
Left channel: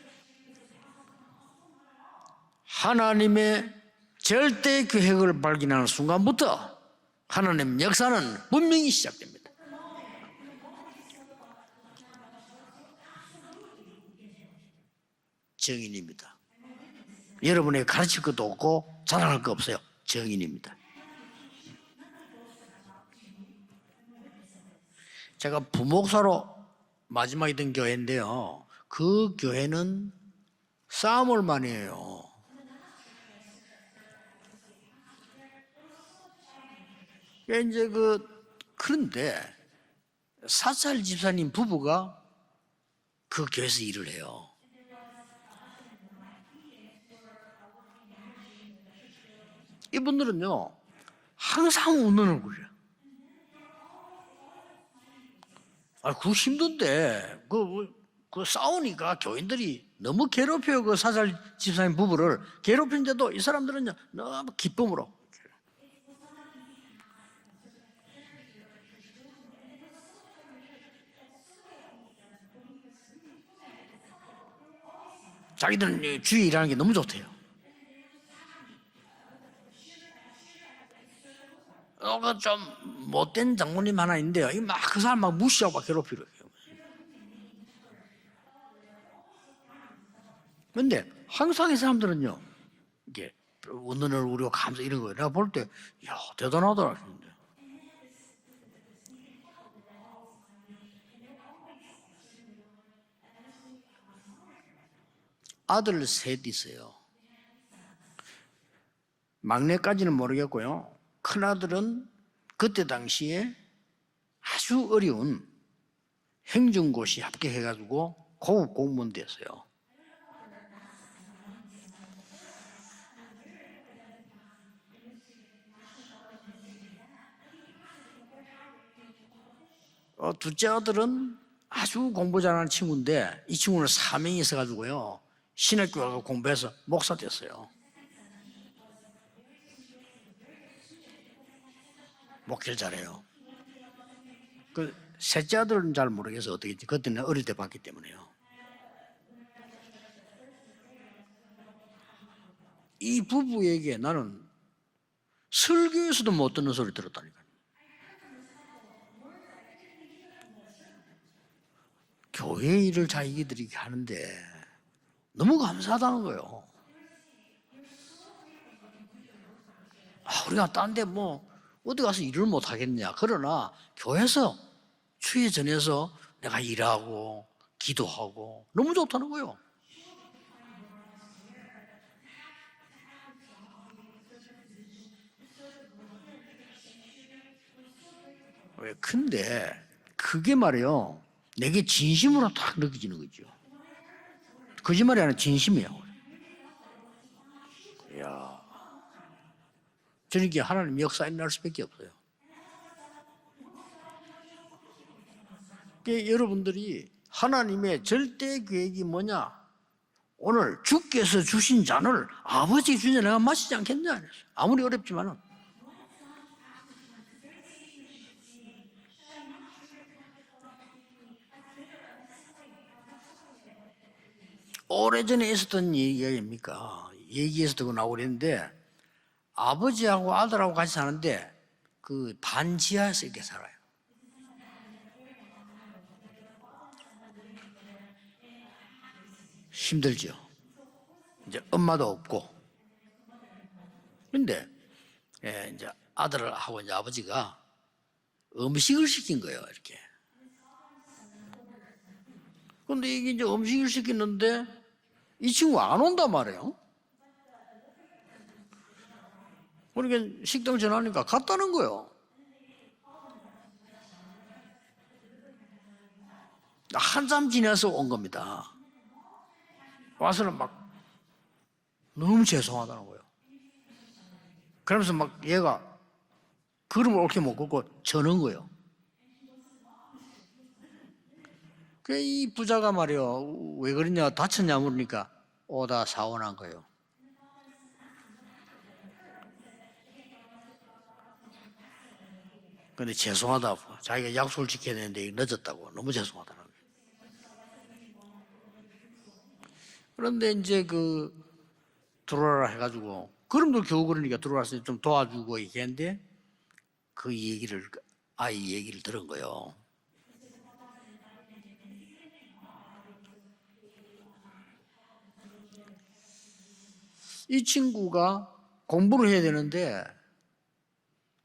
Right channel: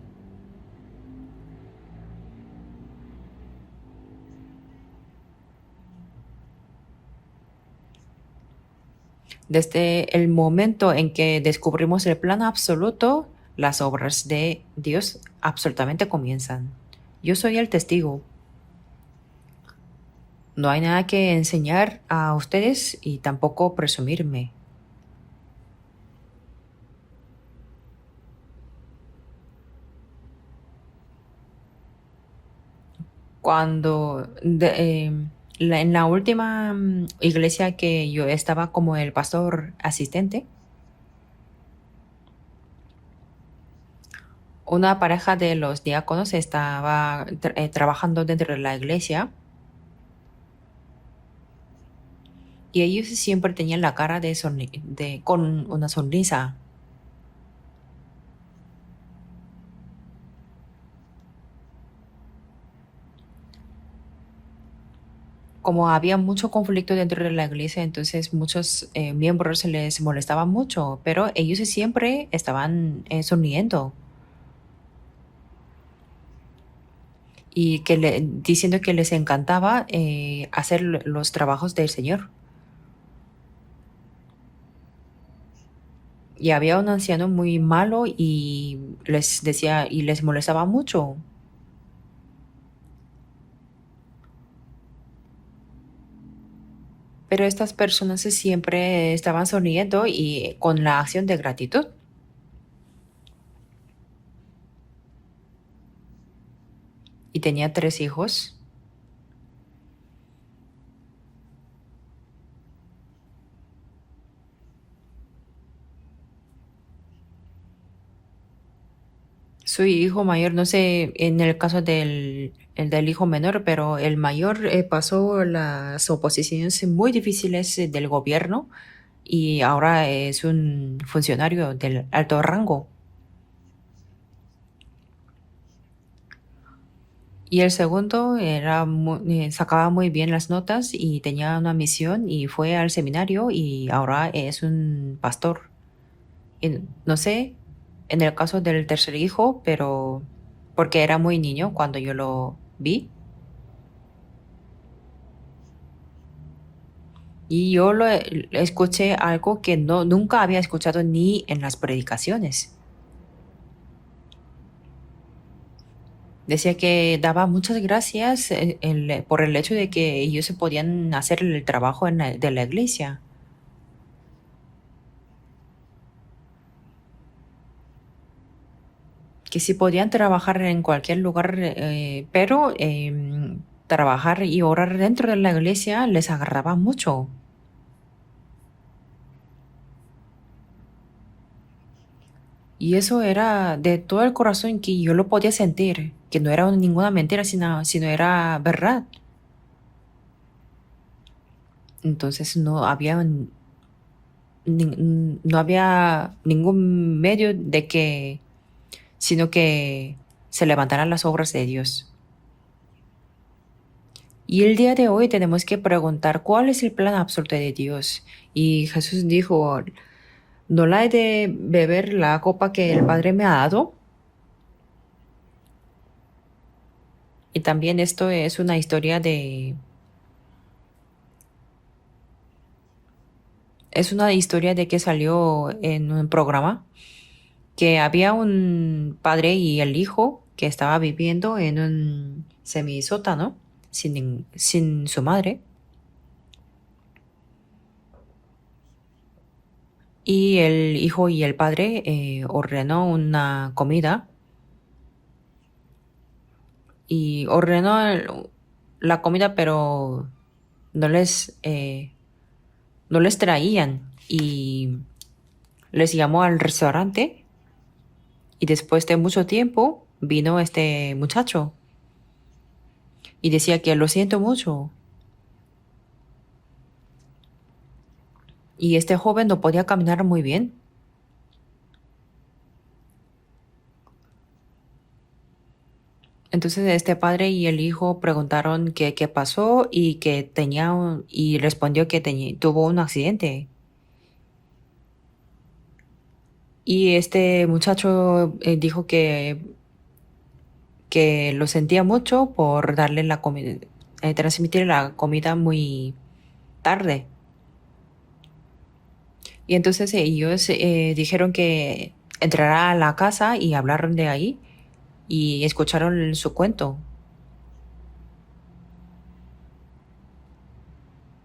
하나님의 절대 계획을 발견하는 순간부터 하나님 역사는 분명히 시작됩니다. Desde el momento en que descubrimos el plan absoluto, las obras de Dios absolutamente comienzan. Yo soy el 여러분이 testigo. 가르칠 것도 없고 자랑할 거 없어요. 증인입니다. No hay nada que enseñar a ustedes y tampoco presumirme. 제가 부목사로 마지막에 된 교회인데요. 그 교회는 싸움을 많이 해요. Cuando en la última iglesia que yo estaba como el pastor asistente, 사살 집사님 부부가 그 교회에서 일을 해요. una pareja de los diáconos estaba trabajando dentro de la iglesia, 이분들은요 항상 웃는 얼굴이에요. y ellos siempre tenían la cara con una 그 sonrisa. 힘든데 그 싸우니까 교인들이 너무 괴롭혀요. 그 사살 집사님 부부를 괴롭히는데도 이 사람들은요 너무 기쁨으로. Como había mucho conflicto dentro de la iglesia, entonces muchos miembros se les molestaban mucho, pero ellos siempre estaban sonriendo 자기들은 주의 일하는 게 너무 좋대요. y diciendo que les encantaba hacer los trabajos del Señor. 좀 못된 장모님 하나 있는데요. 그 사람 막 무시하고 막 괴롭히려. Y había un anciano muy malo y les decía y les molestaba 근데 mucho. 항상 이 사람들은요. 이게 웃는 얼굴이고 감사 이런 거예요. 내가 볼 때, 야 대단하더라. Pero estas personas siempre estaban sonriendo y con la acción de gratitud. 아들 셋 있어요. Y tenía 3 hijos. 막내까지는 모르겠고요. 큰 아들은 그때 당시에 아주 어려운 행정고시 합격해가지고 고급 공무원 됐어요. Su hijo mayor, no sé en el caso el del hijo menor, pero el mayor pasó las oposiciones muy difíciles del gobierno y ahora es un 둘째 아들은 funcionario 아주 del alto 공부를 하는 rango. 친구인데 이 친구는 사명이 있어가지고요. 신학교 가서 공부해서 목사 됐어요. Y el segundo sacaba muy bien las notas y tenía una misión y fue al seminario y ahora es un 셋째 pastor. 아들은 잘 모르겠어 어떻게 그때 No 내가 어릴 sé 때 봤기 때문에. en el caso del tercer hijo, pero porque era muy niño cuando yo lo vi. 이 부부에게 나는 설교에서도 못 듣는 소리 들었다니까. Y yo escuché algo que nunca había escuchado ni en las predicaciones. 교회 일을 자기들이 하는데 너무 감사하다는 거예요. Decía que daba muchas gracias por el hecho de que ellos 그냥 딴데 podían 뭐 hacer el trabajo 어디 가서 de 일을 la 못 하겠냐. iglesia. 그러나 교회에서 주의 전에서 내가 일하고 기도하고 너무 좋다는 거예요. Que si podían trabajar en cualquier lugar, pero trabajar y orar dentro de la iglesia les agradaba mucho. 왜 근데 그게 말이요. 내게 진심으로 딱 Y eso era de todo el corazón que yo lo podía sentir, que no era ninguna mentira, sino era verdad. 저는 이게 하나님 역사에 날 수밖에 없어요. Entonces no había ningún medio de que, 절대 계획이 뭐냐? sino que se 오늘 levantaran las 주께서 obras de 주신 Dios. 잔을 아버지 주제 내가 마시지 않겠냐? Y el día de 아무도 hoy 그랬죠. tenemos que preguntar cuál es el plan absoluto de Dios. Y Jesús dijo, ¿no la he de beber la copa que el Padre me ha dado? 오래전에 있었던 얘기입니까? Y 얘기에서도 también esto es 나오는데 una historia 아버지하고 아들하고 같이 사는데 그 반지하에서 이렇게 살아요. es una historia de que salió en un programa que había un padre y el hijo que estaba viviendo en 엄마도 un 없고. semisótano 근데 sin su madre. 이제 아들하고 이제 아버지가 음식을 시킨 거예요. 이렇게. Y el hijo y el padre ordenó 근데 이게 이제 una 음식을 comida 시켰는데 이 친구 안 온단 말이에요. y ordenó la comida, pero 그러니까 식당 no 전화니까 les, 갔다는 거예요. no les traían y les llamó al restaurante 한참 지나서 온 겁니다. y después de mucho tiempo vino este muchacho 너무 죄송하다는 거예요. y decía que lo siento mucho. 그러면서 막 얘가 걸음을 옳게 못 걷고 저는 거예요. Y este joven no podía caminar muy bien. 이 부자가 말이요. 왜 그러냐 다쳤냐 물으니까 오다 사오나. Entonces este padre y el hijo preguntaron qué pasó y que y respondió que tuvo un accidente. 죄송하다. 자기가 약속을 지켜야 되는데 늦었다고 너무 죄송하다. Y este muchacho dijo 그런데 이제 que lo sentía mucho por darle la comida, transmitir la comida muy tarde. 그 얘기를 아이 얘기를 들은 거예요. Y entonces ellos dijeron que entrará a la casa y hablaron de ahí y escucharon su cuento. 이 친구가 공부를 해야 되는데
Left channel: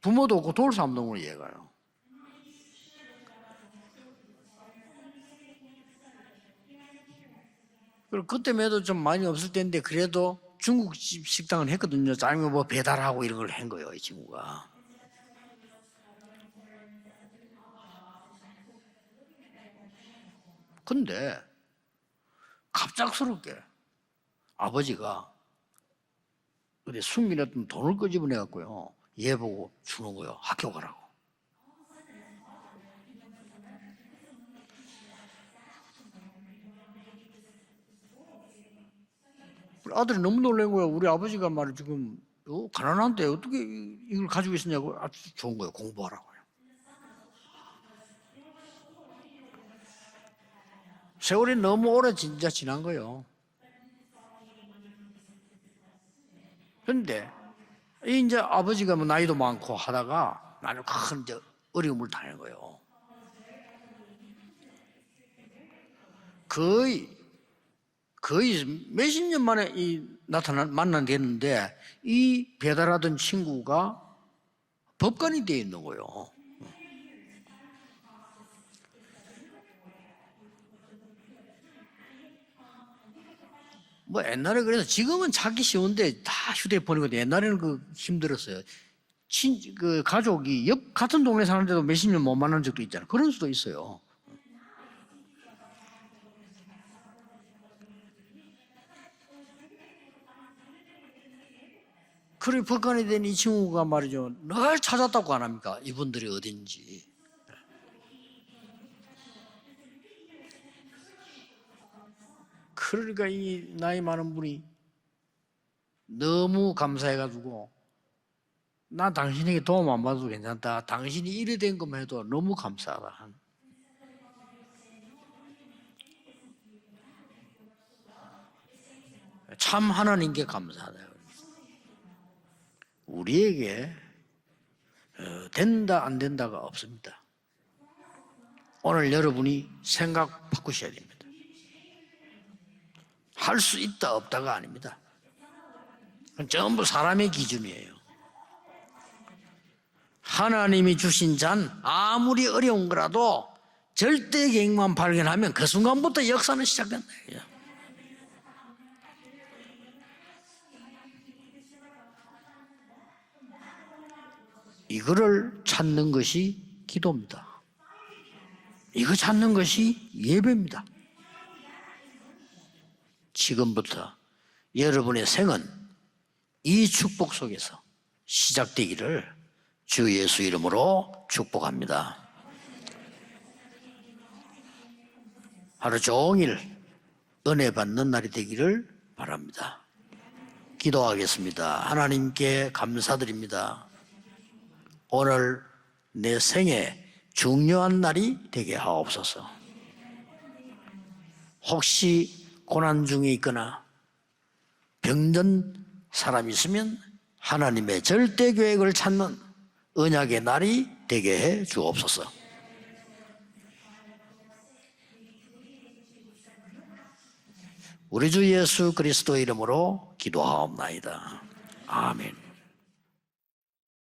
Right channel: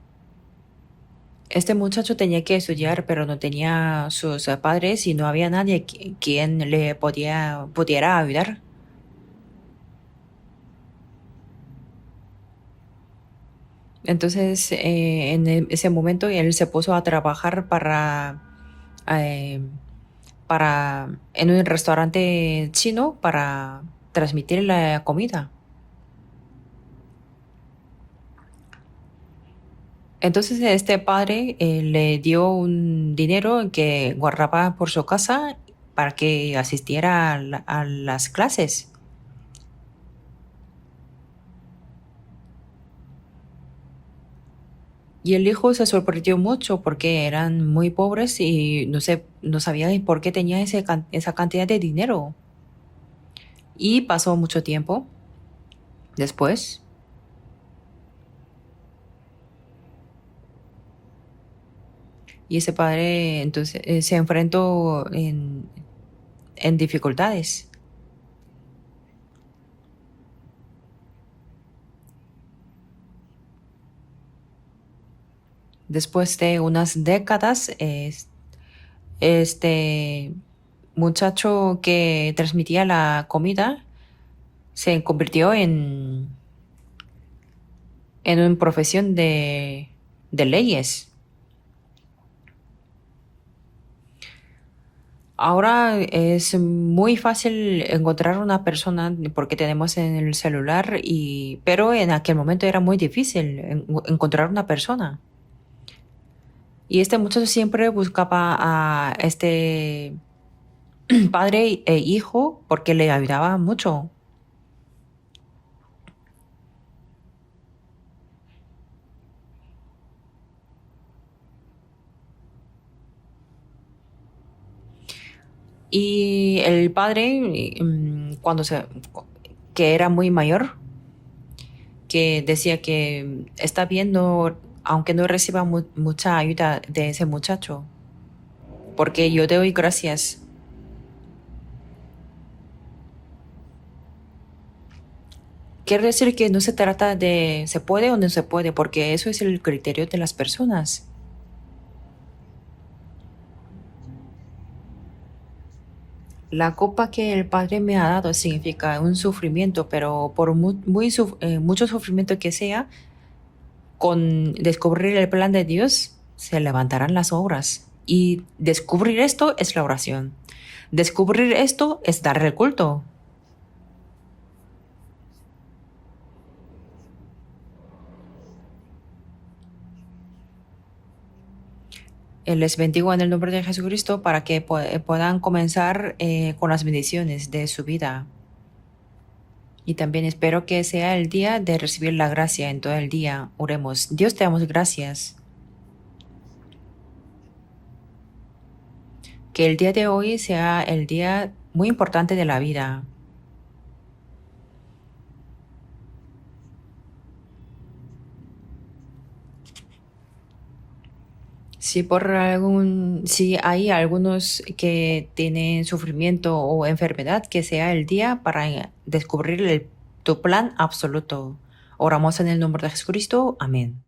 부모도 없고 도울 사람도 없는 얘가. Este muchacho tenía que estudiar, pero no tenía sus padres y no había nadie quien le pudiera ayudar. 그때에도 좀 많이 없을 때인데 그래도 중국집 식당을 했거든요. 아니면 뭐 배달하고 이런 걸 한 거예요. Entonces, en ese momento él se puso a trabajar en un restaurante chino para transmitir la comida. 근데 숨기놨던 돈을 끄집어내 갖고요. 얘 보고 주는 거예요. Entonces este padre le dio un dinero que guardaba por su casa para que asistiera a las clases. 아들이 너무 놀란 거야. 우리 아버지가 말이 지금 가난한데 어떻게 이걸 가지고 있었냐고. Y el hijo se sorprendió mucho porque eran muy pobres y no sabía por qué tenía esa cantidad de dinero. 진짜 지난 거예요. Y pasó mucho tiempo después. 근데 이제 아버지가 뭐 나이도 많고 하다가 나는 큰 이제 어려움을 당한 거예요. Y ese padre entonces se enfrentó en dificultades. 거의 몇십 년 만에 만나됐는데 이 배달하던 친구가 법관이 돼 있는 거예요. Después de unas décadas, este muchacho que transmitía la comida 뭐 옛날에 그래서 se 지금은 convirtió 찾기 쉬운데 en 다 휴대폰이거든요. 옛날에는 그 una 힘들었어요. profesión 그 de 가족이 leyes. 같은 동네 사는데도 몇십 년 못 만난 적도 있잖아요. 그런 수도 있어요. Ahora es muy fácil encontrar una persona porque tenemos en el celular, pero en aquel 그래 momento era muy 법관이 된 이 difícil 친구가 말이죠. encontrar una 왜 persona. 찾았다고 안 합니까? 이분들이 어딘지. Y este muchacho siempre buscaba a este padre e hijo porque le 그러니까 ayudaba 이 나이 mucho. 많은 분이 너무 감사해가지고 나 당신에게 도움 안 받아도 괜찮다. 당신이 이래 된 것만 해도 너무 감사하다. Y el padre, cuando 참 que era muy 하나님께 mayor, 감사하다. que decía que 우리에게 está viendo, aunque no reciba 된다, 안 mucha 된다가 ayuda 없습니다. de ese muchacho, 오늘 porque yo doy 여러분이 gracias. 생각 바꾸셔야 됩니다. 할 수 있다 없다가 아닙니다. Quiere decir que no se 전부 trata 사람의 de 기준이에요. se puede o no se puede, porque eso es el criterio de las 하나님이 personas. 주신 잔 아무리 어려운 거라도 절대 계획만 발견하면 그 순간부터 역사는 La copa 시작된다. que el Padre me ha dado significa un sufrimiento, pero por mucho sufrimiento que sea, con descubrir el plan de Dios, 찾는 것이 se levantarán las 기도입니다. obras. Y descubrir 이거 esto 찾는 es la 것이 oración. 예배입니다. Descubrir esto es dar el culto. 지금부터 여러분의 생은 이 축복 속에서 시작되기를 주 예수 이름으로 축복합니다. Les bendigo en el nombre de Jesucristo para que puedan comenzar 하루 종일 con las bendiciones de 은혜 su 받는 vida. 날이 되기를 바랍니다. Y también espero que sea el día de recibir la 하나님께 gracia en todo el día. 감사드립니다. Oremos. Dios, te damos gracias. 오늘 내 생에 중요한 날이 되게 하옵소서. Que el día de hoy sea el día muy 혹시 importante de la vida. 고난 중에 있거나 병든 사람이 있으면 하나님의 절대 계획을 찾는 언약의 날이 되게 해 주옵소서. Si hay algunos que tienen sufrimiento o enfermedad, que sea el día 우리 주 para 예수 그리스도 descubrir 이름으로 tu plan 기도하옵나이다. absoluto. 아멘. Oramos en el nombre de Jesucristo. Amén.